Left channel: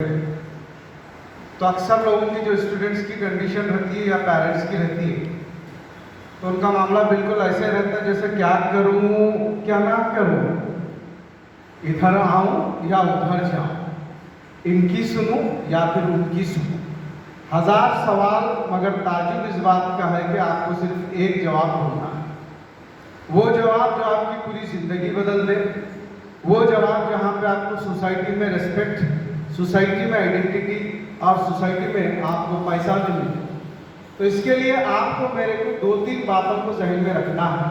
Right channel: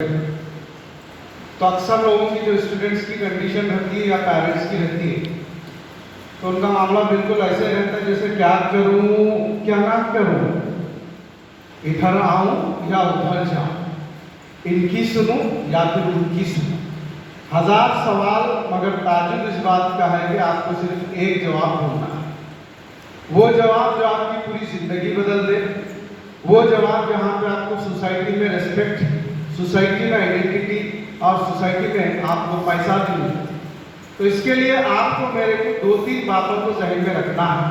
तो अक्सर लोगों की जो स्टूडेंट्स की कंडीशन रहती है या पेरेंट्स की रहती है, तो उनका मामला बिल्कुल ऐसे रहता है जैसे क्या करूं क्या ना करूं, इधर आऊं या उधर जाऊं, इनकी सुनूं या फिर उनकी सुनूं। हजार सवाल, मगर ताजुब इस बात का है कि आपको सिर्फ एक जवाब ढूंढना है। वो जवाब जो आपकी पूरी जिंदगी बदल दे, वो जवाब जहाँ पे आपको सोसाइटी में रिस्पेक्ट, सोसाइटी में आइडेंटिटी और सोसाइटी में आपको पैसा मिले। तो इसके लिए आपको मेरे को दो तीन बातों को जहन में रखना है।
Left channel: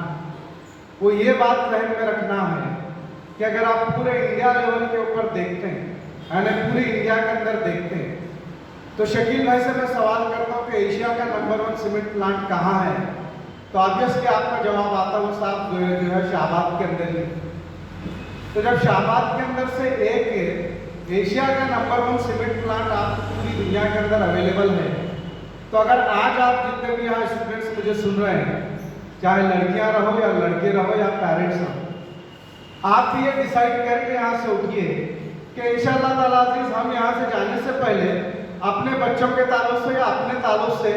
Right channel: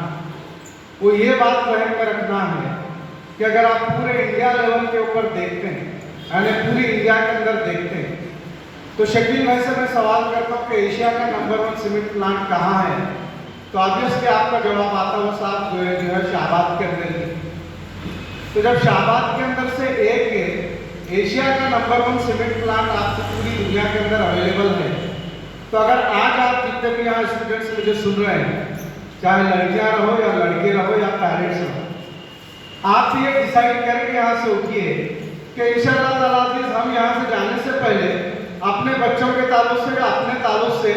वो ये बात जहन में रखना है कि अगर आप पूरे इंडिया लेवल के ऊपर देखते हैं, यानी पूरी इंडिया के अंदर देखते हैं, तो शकील भाई से मैं सवाल करता हूँ कि एशिया का नंबर 1 सीमेंट प्लांट कहाँ है, तो ऑब्वियसली आपका जवाब आता है वो साहब जो है शाहबाद के अंदर ही। तो जब शाहबाद के अंदर से एक एशिया का नंबर 1 सीमेंट प्लांट आपको पूरी दुनिया के अंदर अवेलेबल है, तो अगर आज आप जितने भी यहाँ स्टूडेंट्स मुझे सुन रहे हैं, चाहे लड़कियां रहो या लड़के रहो या पेरेंट्स रहो, आप ये डिसाइड करके यहाँ से उठिए कि इंशाअल्लाह ताला हम यहाँ से जाने से पहले अपने बच्चों के ताल्लुक से या अपने ताल्लुक से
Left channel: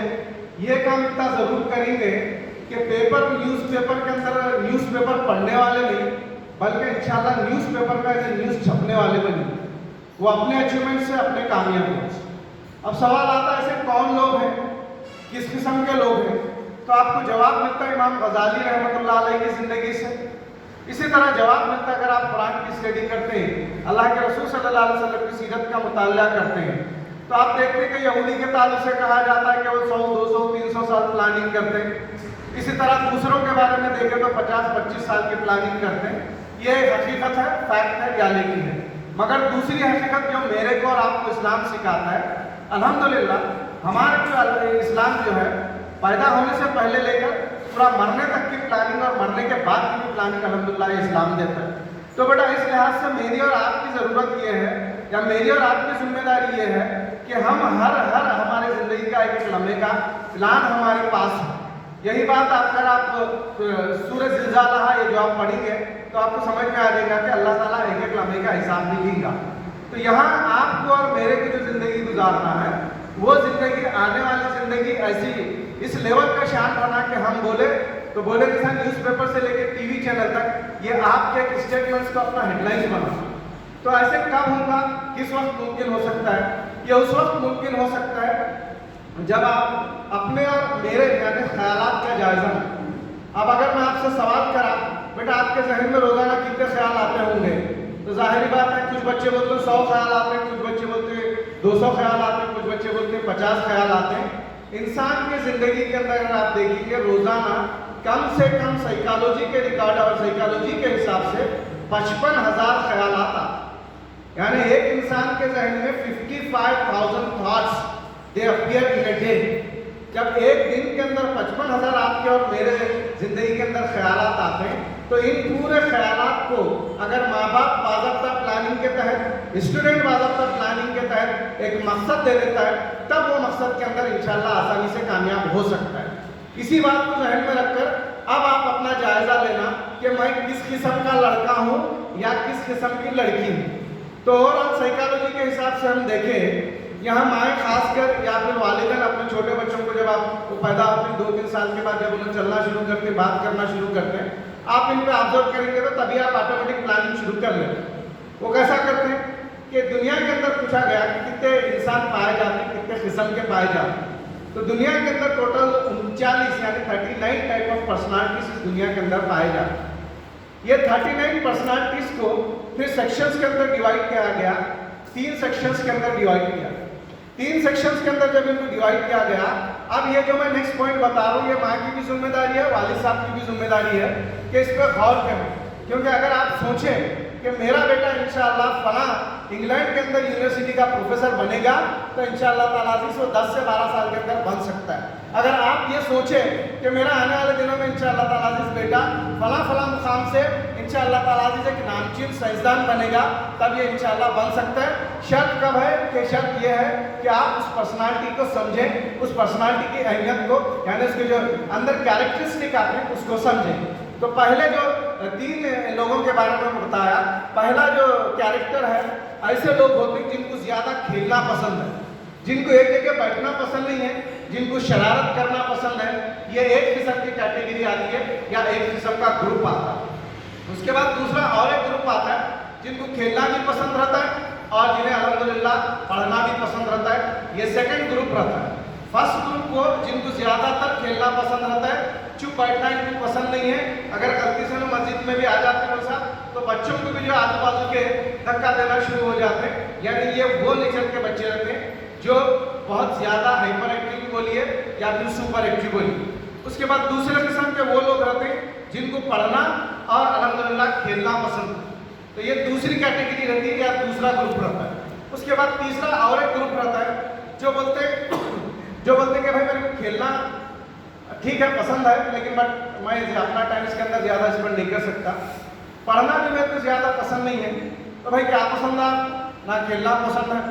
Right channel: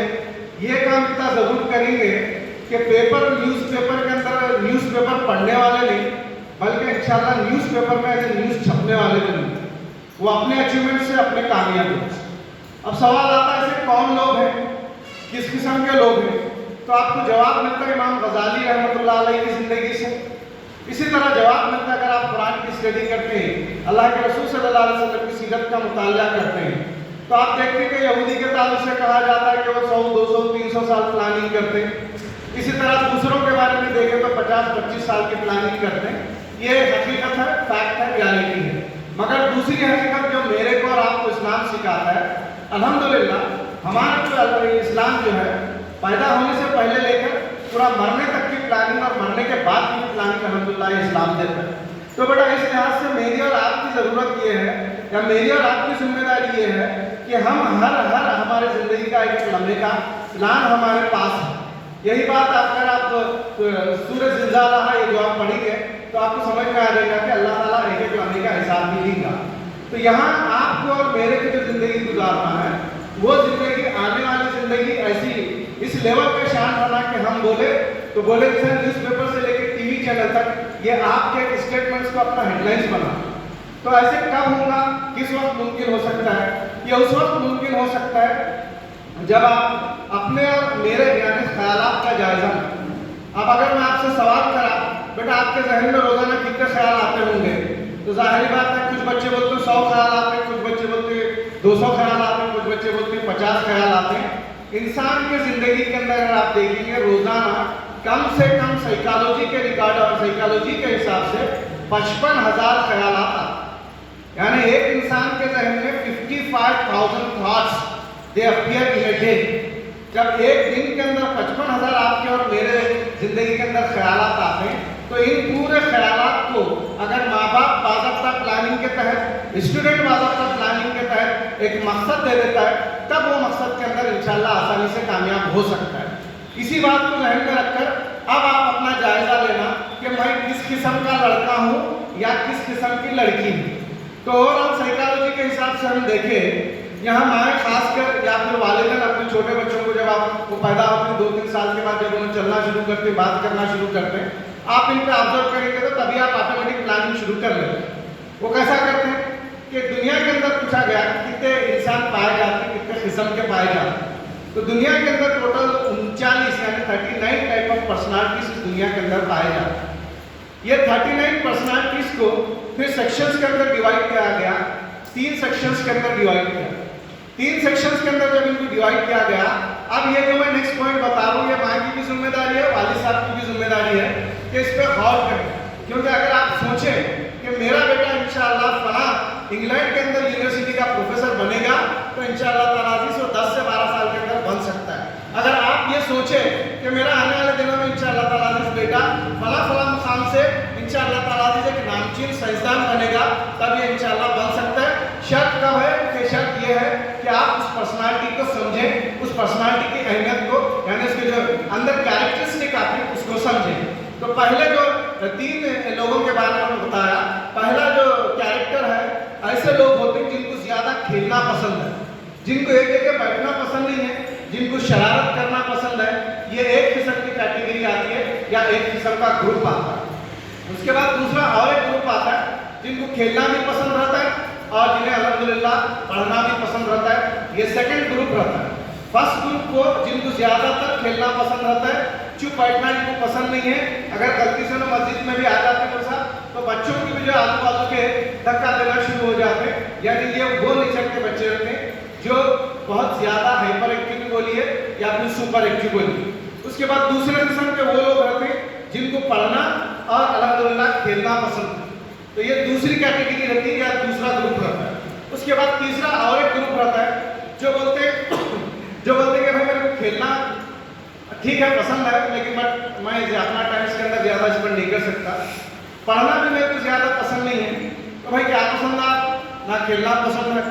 ये काम इतना जरूर करेंगे कि न्यूज़पेपर के अंदर न्यूज़पेपर पढ़ने वाले नहीं, बल्कि इंशाअल्लाह न्यूज़पेपर में न्यूज़ छपने वाले भी नहीं, वो अपने अचीवमेंट से, अपने कामयाबी से। अब सवाल आता है ऐसे कौन लोग हैं, किस किस्म के लोग हैं, तो आपको जवाब मिलता है इमाम गजाली रहमतुल्लाह अलैह की जिंदगी से। इसी तरह जवाब मिलता है अगर आप कुरान की स्टडी करते हैं, अल्लाह के रसूल सल्लल्लाहु अलैहि वसल्लम की सीरत का मुताला करते हैं, तो आप देखते हैं कि यहूदी के ताल्लुक से कहा जाता है कि वो 100, 200, 300 साल प्लानिंग करते हैं। इसी तरह दूसरों के बारे में देखें तो 50-25 साल की प्लानिंग करते हैं। ये हकीकत है, फैक्ट है, रियलिटी है। मगर दूसरी हकीकत जो मेरे को और आपको इस्लाम सिखाता है, अल्हम्दुलिल्लाह हमारा जो इस्लाम जो है पैदा होने से पहले लेकर पूरा मरने तक की प्लानिंग और मरने के बाद की प्लानिंग अल्हम्दुलिल्लाह इस्लाम देता है। तो बेटा इस लिहाज से मेरी और आपकी ज़रूरत ये है, या मेरी और आपकी जिम्मेदारी ये है कि हम हर हमारे ज़िंदगी का एक लम्हे का प्लान हमारे पास है। यही बात अगर आप सूरज ज़िलज़ाला ये जो आप पढ़ेंगे तो आपको समझ में आ जाएगा कि अल्लाह ताला एक एक लम्हे का हिसाब भी लेगा। तो यहाँ आपको और मेरे की जो ज़िंदगी गुजारना है, वो ज़िंदगी आने वाली ज़िंदगी ऐसी इस लेवल पे शान होना कि हम बोले तो बोले जैसा न्यूज़पेपर से लेकर टीवी चैनल तक ये आपके स्टेटमेंट्स को अपना हेडलाइंस बना। तो ऐसे कब होगा, किस वक्त मुमकिन हो सकता है? ये उस वक्त मुमकिन हो सकता है जब आप अपने और मेरे यानी ख्यालात का जायजा। अब अगर मैं आपसे सवाल करा बेटा आपके जहन में रोजाना कितने ख्याल आते होंगे, तो जाहिर बात है कुछ बच्चे बोलते हैं 100 ख्याल आते हैं, कुछ बच्चे बोलते हैं 200 ख्याल आते हैं, कुछ बच्चे बोलते हैं 50 ख्याल आते हैं। इंसान की जिंदगी के अंदर अगर आप देखेंगे रोजाना कम से कम साइकोलॉजी के रिकॉर्ड और साइकोलॉजी के हिसाब से 55,000 ख्याल आता, यानी एक इंसान के जहन में 55,000 thoughts they appear in a day. जब एक दिन के अंदर 55,000 आपके और मेरे जिंदगी के अंदर ख्यालात आते हैं, तो इन पूरे ख्यालात को अगर माँ बाप बाज़ाब्ता प्लानिंग के तहत, स्टूडेंट बाज़ाब्ता प्लानिंग के तहत एक मकसद दे देता है, तब वो मकसद के अंदर इंशाल्लाह आसानी से कामयाब हो सकता है। इसी बात को जहन में रखकर अब आप अपना जायजा लेना कि मैं किस किस्म का लड़का हूँ या किस किस्म की लड़की हूँ। तो ओवरऑल साइकोलॉजी के हिसाब से हम देखें, यहाँ माएँ खासकर या फिर वालिदैन अपने छोटे बच्चों को जब आप वो पैदा होते 2-3 साल के बाद जब उन्हें चलना शुरू करते, बात करना शुरू करते हैं, आप इन पे ऑब्जर्व करेंगे तो तभी आप ऑटोमेटिक प्लानिंग शुरू कर लेते हैं। वो कैसा करते हैं कि दुनिया के अंदर पूछा गया कि कितने इंसान पाए जाते हैं, कितने किस्म के पाए जाते हैं, तो दुनिया के अंदर टोटल 39 यानी 39 टाइप ऑफ पर्सनालिटीज इस दुनिया के अंदर पाए जाते हैं। ये 39 पर्सनालिटीज को फिर सेक्शंस के अंदर डिवाइड किया गया, 3 सेक्शंस के अंदर डिवाइड किया। 3 सेक्शंस के अंदर जब इनको डिवाइड किया गया, अब ये जो मैं नेक्स्ट पॉइंट बता रहा हूँ ये माँ की भी जिम्मेदारी है, वालिद साहब की भी जिम्मेदारी है कि इस पर गौर करें। क्योंकि अगर आप सोचें कि मेरा बेटा इंशाअल्लाह फलां इंग्लैंड के अंदर यूनिवर्सिटी का प्रोफेसर बनेगा, तो इंशाअल्लाह ताला से 10 से 12 साल के अंदर बन सकता है। अगर आप ये सोचें कि मेरा आने वाले दिनों में इंशाअल्लाह ताला बेटा फलां मुकाम से इंशाअल्लाह ताला एक नामचीन साइंसदान बनेगा, तब ये इंशाअल्लाह बन सकता है। शर्त कब है कि शर्त ये है कि आप उस पर्सनालिटी को समझें, उस पर्सनालिटी की अहमियत को, यानी उसके जो अंदर कैरेक्टरिस्टिक आते हैं उसको समझें। तो पहले जो 3 लोगों के बारे में बताया, पहला जो कैरेक्टर है ऐसे लोग होते हैं जिनको ज्यादा खेलना पसंद है, जिनको एक जगह बैठना पसंद नहीं है, जिनको शरारत करना पसंद है। ये एक किस्म की कैटेगरी आती है या एक किस्म का ग्रुप आता है। उसके बाद दूसरा और एक ग्रुप आता है जिनको खेलना भी पसंद रहता है और जिन्हें अल्हम्दुलिल्लाह पढ़ना भी पसंद रहता है। ये सेकंड ग्रुप रहता है। फर्स्ट ग्रुप को जिनको ज्यादातर खेलना पसंद रहता है, चुप बैठना इनको पसंद नहीं है। अगर गलती से मस्जिद में भी आ जाते हैं तो बच्चों को भी जो आजू बाजू के धक्का देना शुरू हो जाते हैं। यानी ये वो नेचर के बच्चे रहते हैं जो बहुत ज्यादा हाइपर एक्टिव बोलिए या फिर सुपर एक्टिव बोलिए। उसके बाद दूसरे किस्म के वो लोग रहते हैं जिनको पढ़ना और अल्हम्दुलिल्लाह खेलना पसंद है। तो ये दूसरी कैटेगरी रहती है या दूसरा ग्रुप रहता है। उसके बाद तीसरा और एक ग्रुप रहता है जो बोलते हैं कि भाई मेरे को खेलना ठीक है पसंद है, लेकिन मैं अपना टाइम इसके अंदर ज्यादा स्पेंड नहीं कर सकता, पढ़ना भी मेरे को ज्यादा पसंद नहीं है। तो भाई क्या पसंद है? ना खेलना पसंद है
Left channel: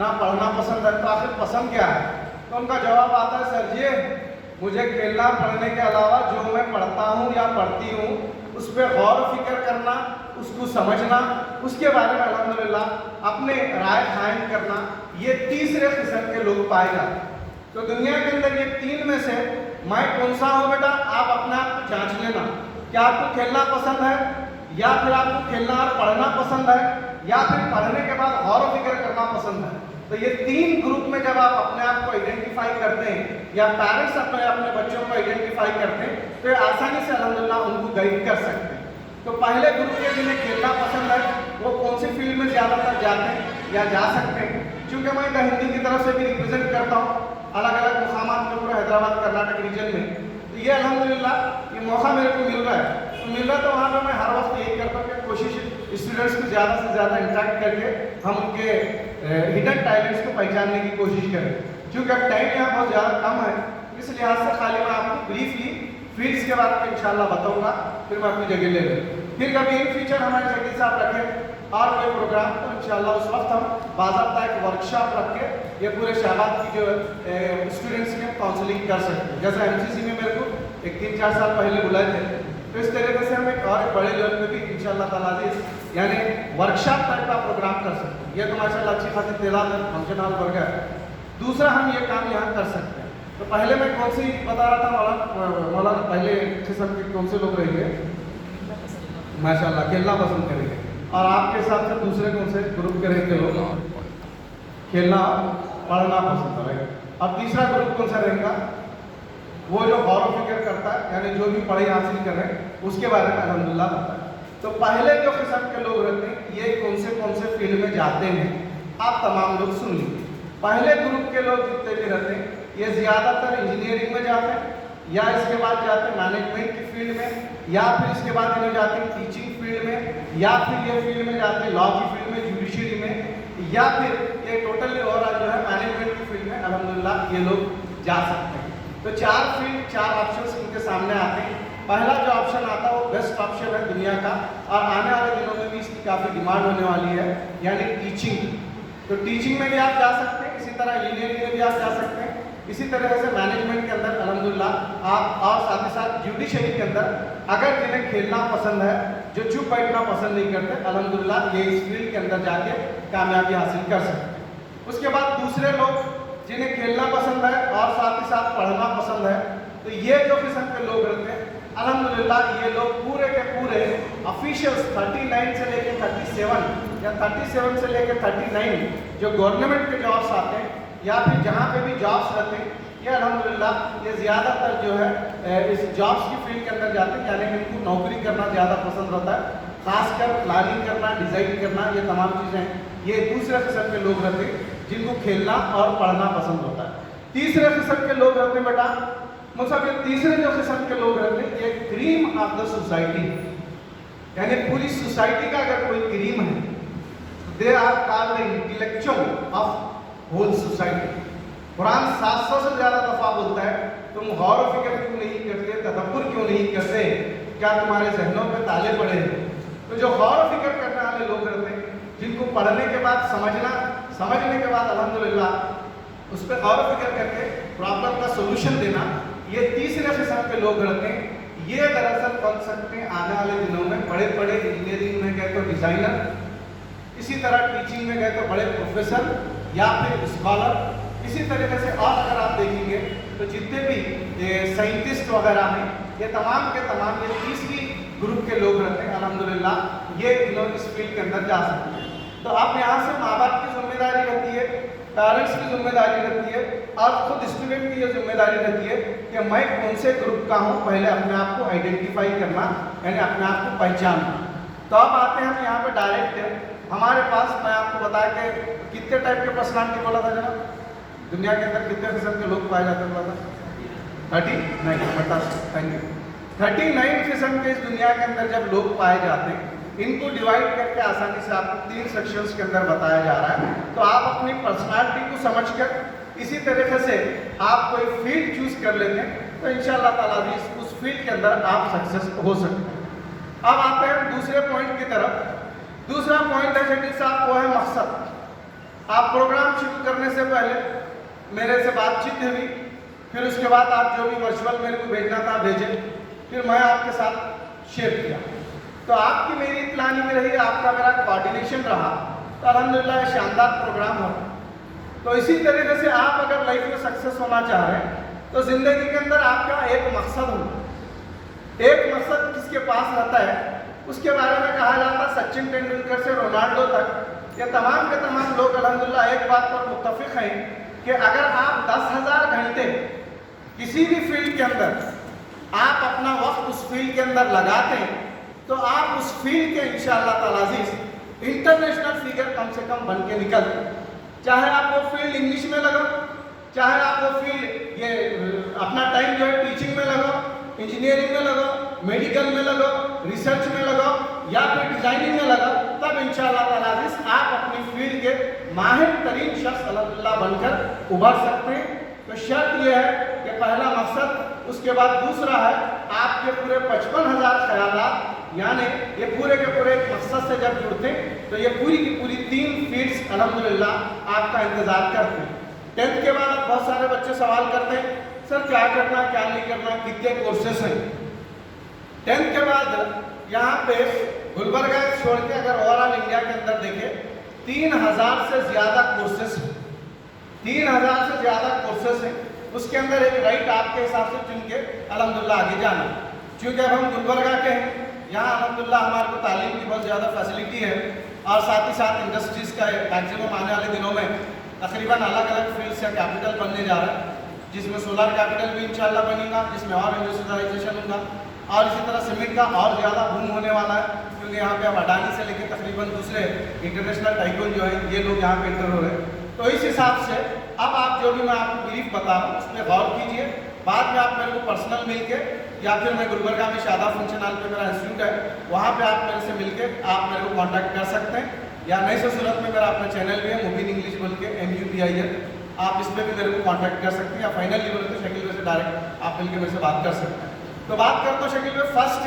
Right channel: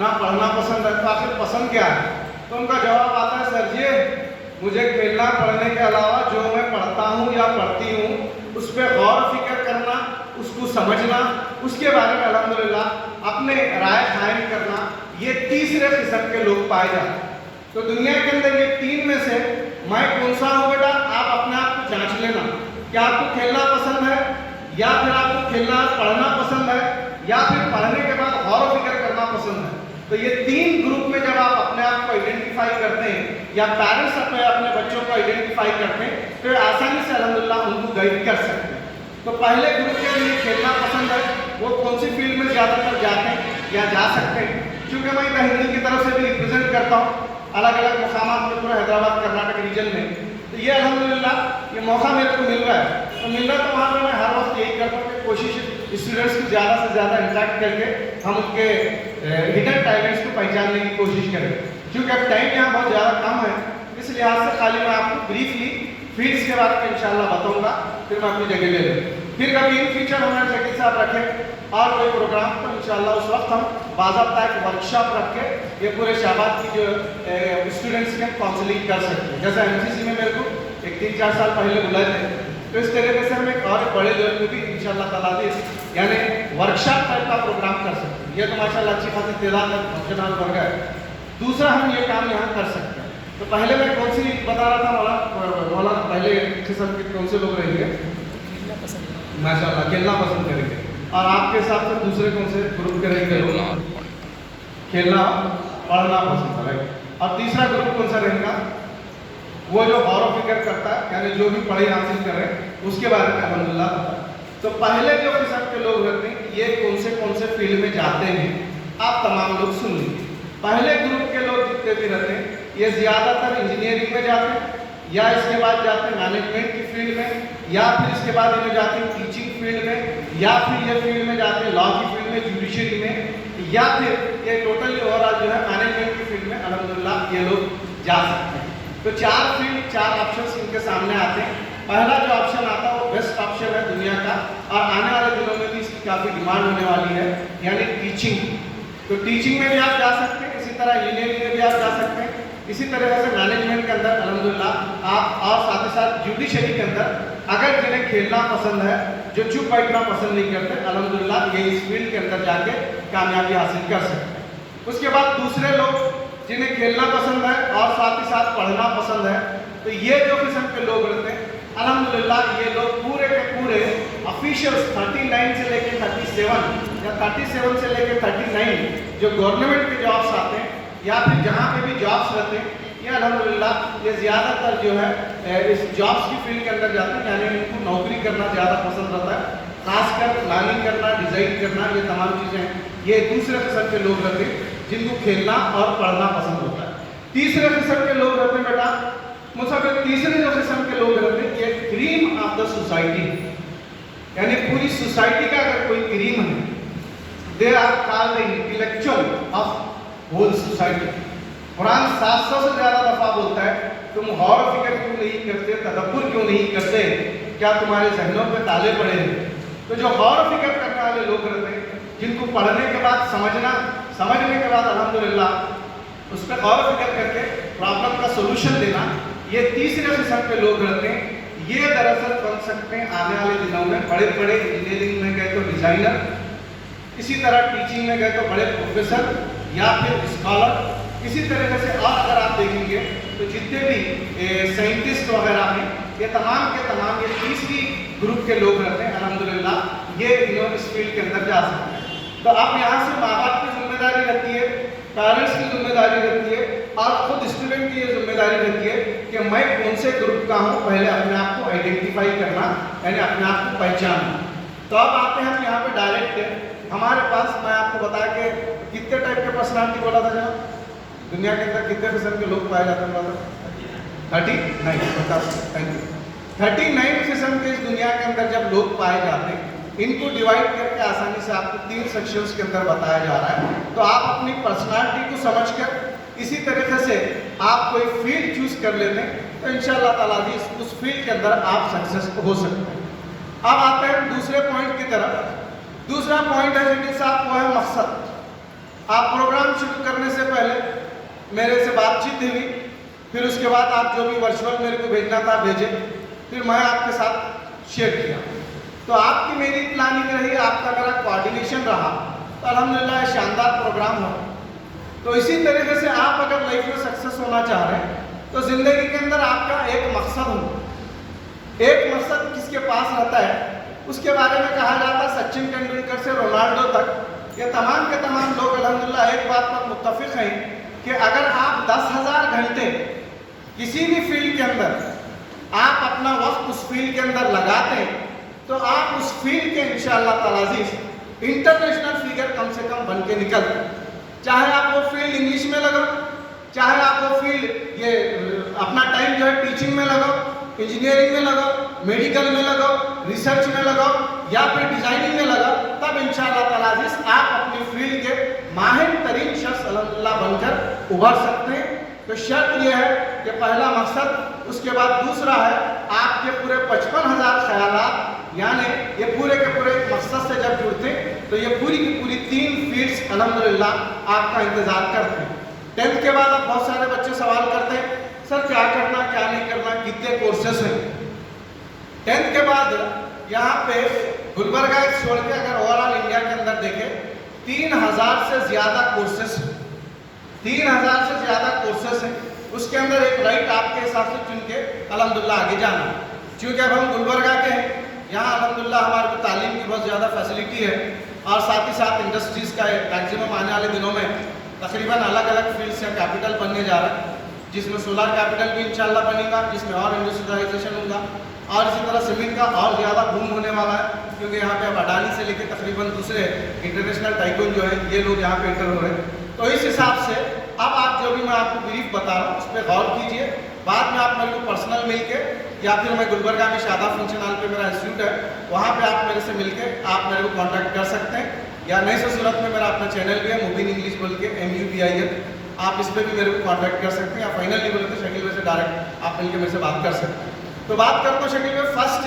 ना पढ़ना पसंद है, तो आखिर पसंद क्या है? तो उनका जवाब आता है, सर जी मुझे खेलना पढ़ने के अलावा जो मैं पढ़ता हूँ या पढ़ती हूँ उस पर गौर फिक्र करना, उसको समझना, उसके बारे में अल्हम्दुलिल्लाह अपने राय कायम करना, ये तीसरे किस्म के लोग पाए जाते हैं। तो दुनिया के अंदर ये तीन में से मैं कौन सा हूँ बेटा, आप अपने आप को जांच लेना। क्या आपको खेलना पसंद है या फिर आपको खेलना पढ़ना पसंद है या फिर पढ़ने के बाद गौर फिक्र करना पसंद है? तो ये तीन ग्रुप में जब आप अपने आप को आइडेंटिफाई करते हैं या पेरेंट्स अपने बच्चों को आइडेंटिफाई करते हैं तो आसानी से अल्हम्दुलिल्लाह उनको गाइड कर सकते हैं। तो पहले ग्रुप के लिए खेलना पसंद है वो कौन सी फील्ड में ज्यादातर जाते हैं या जा सकते हैं? क्योंकि मैं इधर हिंदी की तरफ से भी रिप्रेजेंट करता हूँ अलग अलग मुकामात में, पूरे हैदराबाद कर्नाटक रीजन में। तो ये अल्हम्दुलिल्लाह ये मौका मेरे को मिल रहा है, तो मिल रहा है तो वहाँ पर मैं हर वक्त यही करता हूँ कि कोशिश स्टूडेंट्स को ज़्यादा से ज़्यादा इंटरेक्ट करके हम उनके हिडन टैलेंट्स को पहचानने की कोशिश करें। क्योंकि अब टाइम यहाँ बहुत ज़्यादा कम है, इस लिहाज से खाली मैं आपको ब्रीफली फील्ड्स के बारे में इंशाल्लाह बताऊँगा, फिर मैं अपनी जगह ले लूँ। फिर कभी इन फ्यूचर हमारे जगह से आप रखें और कोई प्रोग्राम तो इंशाल्लाह उस वक्त हम बाज़ाब्ता एक वर्कशॉप रख के ये पूरे शहबाद की जो स्टूडेंट्स के काउंसलिंग कर सकते हैं। जैसे एमसीसी में मेरे को एक 3-4 साल पहले बुलाए थे, तो इस तरीके से हम एक और बड़े लेवल पे भी इंशाल्लाह ताला यानी वर्कशॉप टाइप का प्रोग्राम कर सकते हैं। ये तो माशाल्लाह अच्छी खासी तादाद में फंक्शन हॉल बन गया है। दूसरा हम ये काम यहाँ कर सकते हैं। तो पहले मैं कौन सी बता रहा था मौलाना पहले किस्म के कौन से लोग रहेंगे? माशाल्लाह खेलना पसंद करेंगे। और आपके हिसाब से दूसरे कौन से ग्रुप के रहेंगे? खेलना पढ़ना पसंद करेंगे। अब तीसरा ग्रुप कौन सा रहेगा? वो जो गौर फिक्र करता है, यानी जो भी पढ़ाई हासिल करें उसके बारे में अल्हम्दुलिल्लाह। तो पहले जो किस्म के लोग रहते हैं ये कौन से फील्ड में जाते हैं आप तमाम लोग सुन लीजिए। पहले ग्रुप के लोग जितने भी रहते हैं ये ज़्यादातर इंजीनियरिंग में जाते हैं या इसके बाद जाते हैं मैनेजमेंट की फील्ड में, या फिर इसके बाद इन्हें जाते हैं टीचिंग फील्ड में, या फिर ये फील्ड में जाते हैं लॉ की फील्ड में, जुडिशरी में, या फिर ये टोटली ओवरऑल जो है मैनेजमेंट की फील्ड में अल्हम्दुलिल्लाह ये लोग जा सकते हैं। तो चार ऑप्शन इनके सामने आते हैं। पहला जो ऑप्शन आता है वो बेस्ट ऑप्शन है दुनिया का और आने वाले दिनों में भी इसकी काफ़ी डिमांड होने वाली है, यानी टीचिंग। तो टीचिंग में भी आप जा सकते हैं, इसी तरह इंजीनियरिंग में भी आप जा सकते हैं, इसी तरह से मैनेजमेंट के अंदर अल्हम्दुलिल्लाह आप, और साथ ही साथ जुडिशरी के अंदर अगर जिन्हें खेलना पसंद है, जो चुप बैठना पसंद नहीं करते, अल्हम्दुलिल्लाह ये इस फील्ड के अंदर जाके कामयाबी हासिल कर सकते हैं। उसके बाद दूसरे लोग जिन्हें खेलना पसंद है और साथ ही साथ पढ़ना पसंद है, तो ये जो किस्म के लोग रहते हैं अल्हम्दुलिल्लाह ये लोग पूरे के पूरे ऑफिशियल्स 39 से लेकर 37 या 37 से लेकर 39 जो गवर्नमेंट के जॉब्स आते हैं या फिर जहाँ पे भी जॉब्स रहते हैं, ये अल्हम्दुलिल्लाह ये ज़्यादातर जो है इस जॉब्स की फील्ड के अंदर जाते हैं, यानी इनको नौकरी करना ज़्यादा पसंद रहता है, खासकर प्लानिंग करना, डिज़ाइन करना, ये तमाम चीज़ें ये दूसरे किस्म के लोग रहते हैं जिनको खेलना और पढ़ना पसंद होता है। तीसरे किस्म के लोग रहते हैं बेटा, मतलब तीसरे जो किस्म के लोग रहते हैं ये क्रीम ऑफ द सोसाइटी, यानी पूरी सोसाइटी का अगर कोई क्रीम है, they are called the intellectual of whole society. Quran 700 से ज़्यादा दफ़ा बोलता है तुम गौर फिक्र क्यों नहीं करते, तदब्बुर क्यों नहीं करते, क्या तुम्हारे जहनों पे ताले पड़े हैं? तो जो गौर फिक्र करने वाले लोग रहते हैं, जिनको पढ़ने के बाद समझने के बाद अल्हम्दुलिल्लाह उस पर गौर फिक्र करके प्रॉब्लम का सोल्यूशन देना, ये तीसरे किस्म के लोग रहते हैं। ये दरअसल बन सकते हैं आने वाले दिनों में बड़े बड़े इंजीनियरिंग में गए तो डिज़ाइनर, इसी तरह टीचिंग में गए तो बड़े प्रोफेसर या फिर स्कॉलर। इसी तरीके से और अगर आप देखेंगे तो जितने भी साइंटिस्ट वगैरह हैं ये तमाम के तमाम ये 30 ही ग्रुप के लोग रहते हैं अल्हम्दुलिल्लाह, ये इस फील्ड के अंदर जा सकते हैं। तो आप यहाँ से माँ बाप की जिम्मेदारी रहती है, पेरेंट्स की जिम्मेदारी रहती है और खुद स्टूडेंट की ये जिम्मेदारी रहती है कि मैं कौन से ग्रुप का हूँ, पहले अपने आप को आइडेंटिफाई करना, यानी अपने आप को पहचानना। तो अब आते हैं हम यहाँ पे डायरेक्ट हमारे पास, मैं आपको बताया कि कितने टाइप के पर्सनालिटी बोला था जब दुनिया के अंदर कितने किस्म के लोग पाए जाते हैं बोला था? 39 थैंक यू। 39 किस्म के इस दुनिया के अंदर जब लोग पाए जाते हैं, इनको डिवाइड करके आसानी से आपको 3 सेक्शंस के अंदर बताया जा रहा है। तो आप अपनी पर्सनालिटी को समझकर इसी तरीके से आप कोई फील्ड चूज कर लेते हैं तो इंशाअल्लाह ताला उस फील्ड के अंदर आप सक्सेस हो सकते हैं। अब आते हैं दूसरे पॉइंट की तरफ। दूसरा पॉइंट है शकील साहब, वो है मकसद। आप प्रोग्राम शुरू करने से पहले मेरे से बातचीत हुई, फिर उसके बाद आप जो भी वर्चुअल मेरे को भेजना था भेजे, फिर मैं आपके साथ शेयर किया। तो आपकी मेरी प्लानिंग रही, आपका मेरा कोऑर्डिनेशन रहा, तो अल्हम्दुलिल्लाह शानदार प्रोग्राम हो। तो इसी तरीके से आप अगर लाइफ में सक्सेस होना चाह रहे हैं तो जिंदगी के अंदर आपका एक मकसद हो। एक मकसद किसके पास रहता है, उसके बारे में कहा जाता है सचिन तेंदुलकर से रोनाल्डो तक ये तमाम के तमाम लोग अल्हम्दुलिल्लाह एक बात पर मुत्तफिक हैं कि अगर आप 10,000 घंटे किसी भी फील्ड के अंदर आप अपना वक्त उस फील्ड के अंदर लगाते हैं तो आप उस फील्ड के इंशाअल्लाह ताला इंटरनेशनल फिगर कम से कम बन के निकलते। चाहे आप वो फील्ड इंग्लिश में लगाओ, चाहे आप वो फील्ड ये अपना टाइम जो है टीचिंग में लगाओ, इंजीनियरिंग में लगाओ, मेडिकल में लगाओ, रिसर्च में लगाओ या फिर डिजाइनिंग में लगाओ, तब इंशाअल्लाह ताला आप अपनी फील्ड के माहिर तरीन शख्स अल्हम्दुलिल्लाह बनकर उभर सकते हैं। तो शर्त यह है कि पहला मकसद, उसके बाद दूसरा है आपके पूरे 55,000 ख्यालात, यानी ये पूरे के पूरे मकसद से जब जुड़ते तो ये पूरी की पूरी 3 फील्ड्स अल्हम्दुलिल्लाह आपका इंतजार करते हैं। 10th के बाद अब बहुत सारे बच्चे सवाल करते हैं सर क्या करना क्या नहीं करना, कितने कोर्सेस हैं। 10th के बाद यहाँ पे गुलबर्गा छोड़ के अगर ओवरऑल इंडिया के अंदर देखें 3,000 से ज़्यादा कोर्सेस हैं, 3,000 से ज़्यादा कोर्सेस हैं। उसके अंदर एक राइट आपके हिसाब से चुन के अल्हम्दुलिल्लाह आगे जाना। क्योंकि अब हम गुलबर्गा के हैं, यहाँ अल्हम्दुलिल्लाह हमारे को तालीम की बहुत ज़्यादा फैसिलिटी है और साथ ही साथ इंडस्ट्रीज़ का मैक्सिमम आने वाले दिनों में तकरीबन अलग अलग फील्ड से कैपिटल बनने जा रहा है, जिसमें सोलर कैपिटल भी इंशाल्लाह बनेगा, जिसमें और इंडस्ट्रियलाइजेशन होगा और इसी तरह सीमेंट का और ज़्यादा बूम होने वाला है। क्योंकि यहाँ पे अब अडानी से लेकर तकरीबन दूसरे इंटरनेशनल टाइकून जो है ये लोग यहाँ पे एंटर हो रहे हैं। तो इस हिसाब से अब आप जो भी मैं आपको ब्रीफ बता रहा हूँ उस पर गौर कीजिए। बाद में आप मेरे को पर्सनल मिल के या फिर मैं गुलबर्गा में शादाब फंक्शन हॉल पे मेरा इंस्टीट्यूट है, वहाँ पे आप मेरे से मिल के आप मेरे को कॉन्टैक्ट कर सकते हैं। या नई से सूरत में मेरा अपना चैनल भी है मुबीन इंग्लिश बोल के MUBIN, आप इस पर भी मेरे को कॉन्टैक्ट कर सकते हैं। या फाइनली बोल के शकील भाई से डायरेक्ट आप मिल के मेरे से बात कर सकते हैं। तो बात करते हैं शकील भाई, फर्स्ट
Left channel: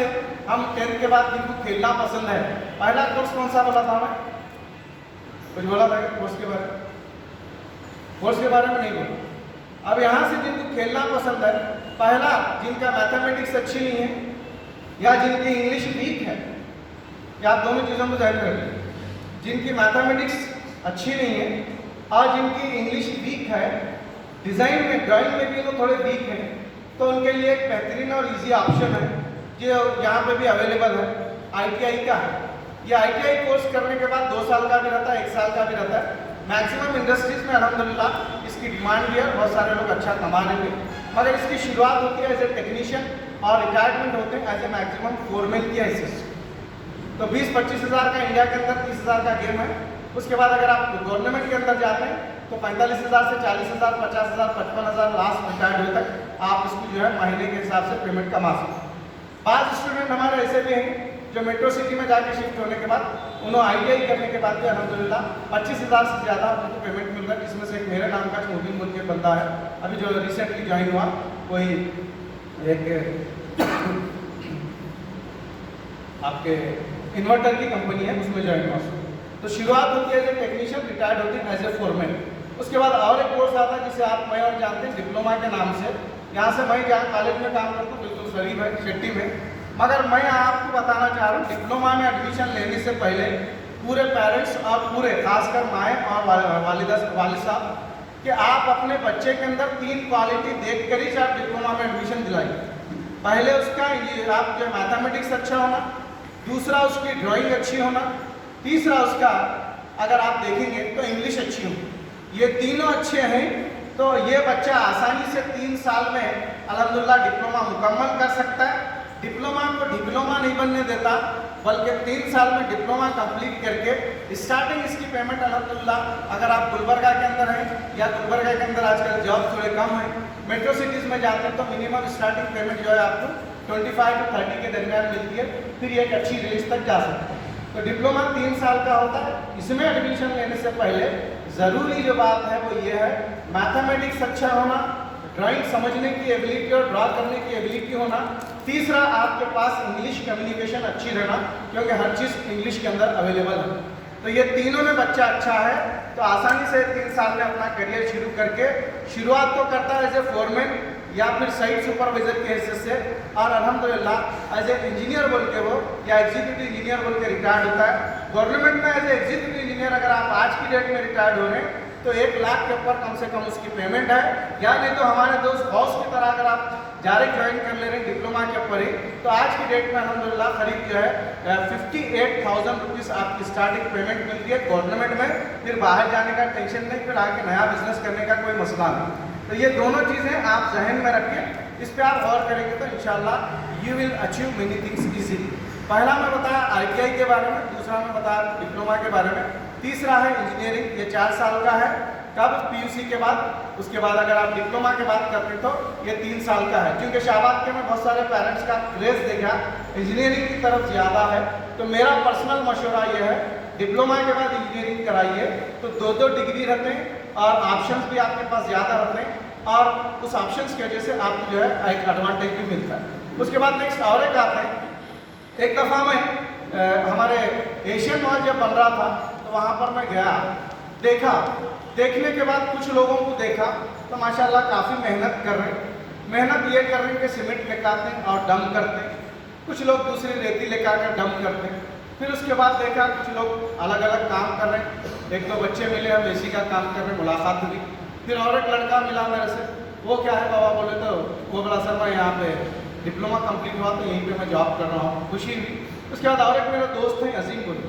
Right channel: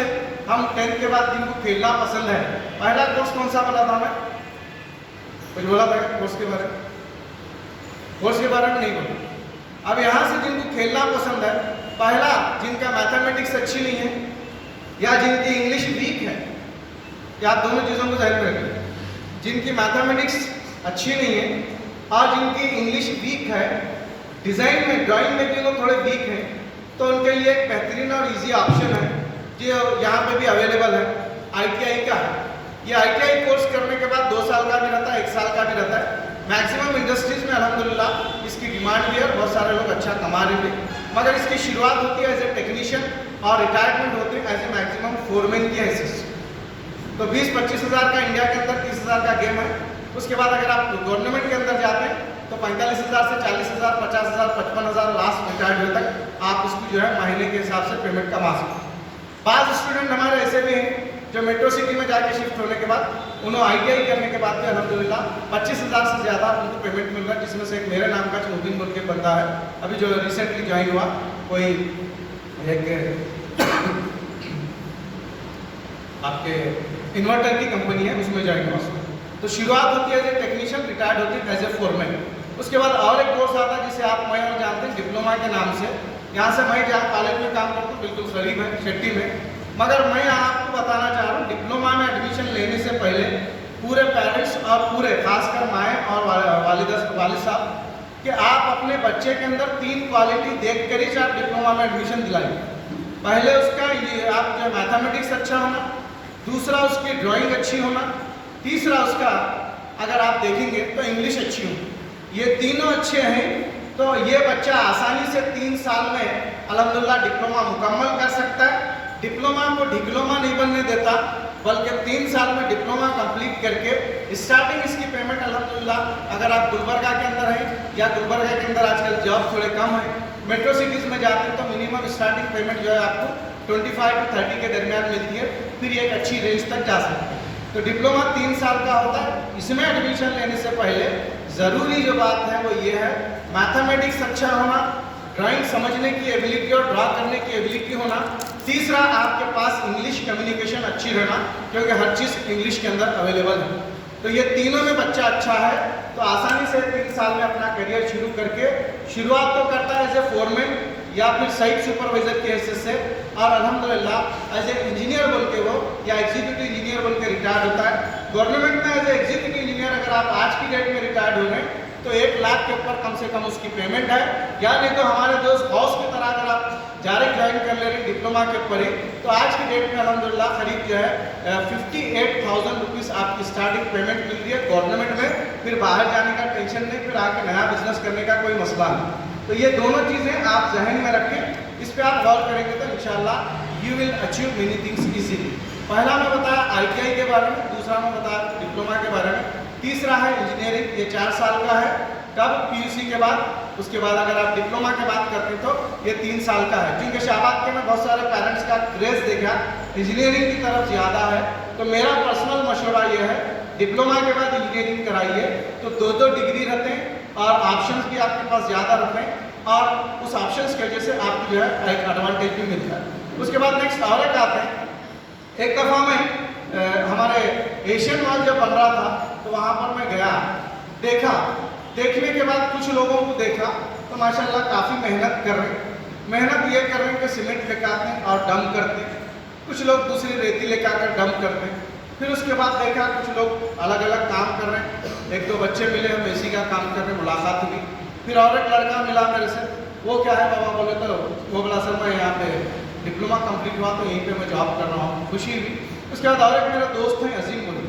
हम 10th के बाद जिनको खेलना पसंद है, पहला कोर्स कौन सा बोला था मैं? कुछ बोला था कोर्स के बारे में? कोर्स के बारे में नहीं बोला। अब यहाँ से जिनको खेलना पसंद है, पहला जिनका मैथमेटिक्स अच्छी नहीं है या जिनकी इंग्लिश वीक है, या दोनों चीज़ों को ध्यान रखें, जिनकी मैथमेटिक्स अच्छी नहीं है और जिनकी इंग्लिश वीक है, डिज़ाइन में ड्राइंग में भी वो थोड़े वीक हैं, तो उनके लिए एक बेहतरीन और इजी ऑप्शन है जो यहाँ पे भी अवेलेबल है, ITI का है। ये ITI कोर्स करने के बाद 2 साल का भी रहता है, 1 साल का भी रहता है। मैक्सिमम इंडस्ट्रीज में अल्हम्दुलिल्लाह इसकी डिमांड भी है, बहुत सारे लोग अच्छा कमा रहे हैं, मगर इसकी शुरुआत होती है एज ए टेक्नीशियन और रिटायरमेंट होते हैं एज ए मैक्सिमम फोरमैन की हैसियत। तो 20-25 हज़ार का इंडिया के अंदर 30 हज़ार का गेम है। उसके बाद अगर आप गवर्नमेंट के अंदर जाते हैं तो 45,000 से 40,000, 50,000, 55,000 लास्ट रिटायर्ड हुए तक आप इसको जो है महीने के हिसाब से पेमेंट कमा सकते हैं। बाज़ स्टूडेंट हमारे ऐसे भी हैं जो मेट्रो सिटी में जाके शिफ्ट होने के बाद उन्होंने ITI करने के बाद भी अल्हम्दुलिल्लाह 25,000 से ज़्यादा उनको पेमेंट मिल रहा है, जिसमें से एक मेरे नाम का मुबीन बोल के बनता है, अभी जो रिसेंटली ज्वाइन हुआ, कोई एक आपके इन्वर्टर की कंपनी है उसमें ज्वाइन हुआ। तो शुरुआत होती है एज ए टेक्नीशियन, रिटायर्ड होती है एज ए फोरमैन। उसके बाद और एक कोर्स आता है जिसे आप मैं और जानते हैं डिप्लोमा के नाम से। यहाँ से मैं जहाँ कॉलेज में काम करता हूँ बिल्कुल करीब है शेट्टी में, मगर मैं आपको बताना चाह रहा हूँ डिप्लोमा में एडमिशन लेने से पहले पूरे पेरेंट्स और पूरे खासकर माएँ और वालिद साहब कि आप अपने बच्चे के अंदर 3 क्वालिटी देख कर ही आप डिप्लोमा में एडमिशन दिलाइए। पहले उसका आप जो मैथमेटिक्स अच्छा होना, दूसरा उसकी ड्राइंग अच्छी होना, तीसरा उसका अगर आप देखेंगे तो इंग्लिश अच्छी होगी। ये तीनों अच्छे हैं तो ये बच्चा आसानी से 3 साल में अल्हम्दुलिल्लाह डिप्लोमा मुकम्मल कर सकता है। डिप्लोमा को डिप्लोमा नहीं बनने देता, बल्कि 3 साल में डिप्लोमा कंप्लीट करके स्टार्टिंग इसकी पेमेंट अल्हम्दुलिल्लाह अगर आप गुलबर्गा के अंदर हैं या गुलबर्गा के अंदर आजकल जॉब थोड़े कम है, मेट्रो सिटीज़ में जाते हैं तो मिनिमम स्टार्टिंग पेमेंट जो है आपको 25 to 30 के दरमियान मिलती है, फिर ये एक अच्छी रेंज तक जा सकते हैं। तो डिप्लोमा 3 साल का होता है। इसमें एडमिशन लेने से पहले ज़रूरी जो बात है वो ये है, मैथमेटिक्स अच्छा होना, ड्राइंग समझने की एबिलिटी और ड्रा करने की एबिलिटी होना, तीसरा आपके पास इंग्लिश कम्युनिकेशन अच्छी रहना, क्योंकि हर चीज़ इंग्लिश के अंदर अवेलेबल है। तो ये तीनों में बच्चा अच्छा है तो आसानी से 3 साल में अपना करियर शुरू करके शुरुआत तो करता है एज ए फोरमैन या फिर साइट सुपरवाइजर के हैसियत से, और अल्हम्दुलिल्लाह एज ए इंजीनियर बोल के वो या एग्जीक्यूटिव इंजीनियर बोल के रिटायर्ड होता है। गवर्नमेंट में एज ए एग्जीक्यूटिव इंजीनियर अगर आप आज की डेट में रिटायर्ड हो रहे हैं तो 1 लाख के ऊपर कम से कम उसकी पेमेंट है, या नहीं तो हमारे दोस्त बॉस की तरह अगर आप डायरेक्ट ज्वाइन कर ले रहे हैं डिप्लोमा के ऊपर ही, तो आज की डेट में अल्हम्दुलिल्लाह करीब जो है 58,000 रुपीज़ आपकी स्टार्टिंग पेमेंट मिलती है गवर्नमेंट में। फिर बाहर जाने का टेंशन नहीं, फिर आके नया बिजनेस करने का कोई मसला नहीं। तो ये दोनों चीज़ें आप जहन में रखें, इस पर आप गौर करेंगे तो इंशाल्लाह you will achieve many things easily. पहला मैं बताया ITI के बारे में, दूसरा मैं बताया डिप्लोमा के बारे में, तीसरा है इंजीनियरिंग, ये 4 साल का है। कब? PUC के बाद। उसके बाद अगर आप डिप्लोमा के बात करते हैं तो ये 3 साल का है। क्योंकि शाहबाद के में बहुत सारे पेरेंट्स का क्रेज़ देखा इंजीनियरिंग की तरफ ज़्यादा है, तो मेरा पर्सनल मशवरा ये है डिप्लोमा के बाद इंजीनियरिंग कराइए, तो 2-2 डिग्री रहते हैं और ऑप्शंस भी आपके पास ज़्यादा रहते हैं, और उस ऑप्शंस की वजह से आपको जो है एक एडवांटेज भी मिलता है। उसके बाद नेक्स्ट और एक आते हैं, एक दफ़ा मैं हमारे एशियन मॉल जब बन रहा था तो वहाँ पर मैं गया, देखने के बाद कुछ लोगों को देखा तो माशाल्लाह काफ़ी मेहनत कर रहे हैं। मेहनत ये कर रहे हैं कि सीमेंट लेकर आते हैं और डंप करते हैं, कुछ लोग दूसरी रेती लेकर आकर डंप करते हैं। फिर उसके बाद देखा कुछ लोग अलग अलग काम कर रहे हैं, 1-2 बच्चे मिले, हम AC का काम कर रहे हैं, मुलाकात हुई। फिर और एक लड़का मिला मेरे से, वो क्या है बाबा बोले, तो वो बोला सर मैं यहाँ पे डिप्लोमा कंप्लीट हुआ तो यहीं पे मैं जॉब कर रहा हूँ, खुशी हुई। उसके बाद और एक मेरे दोस्त हैं अजीम बोले,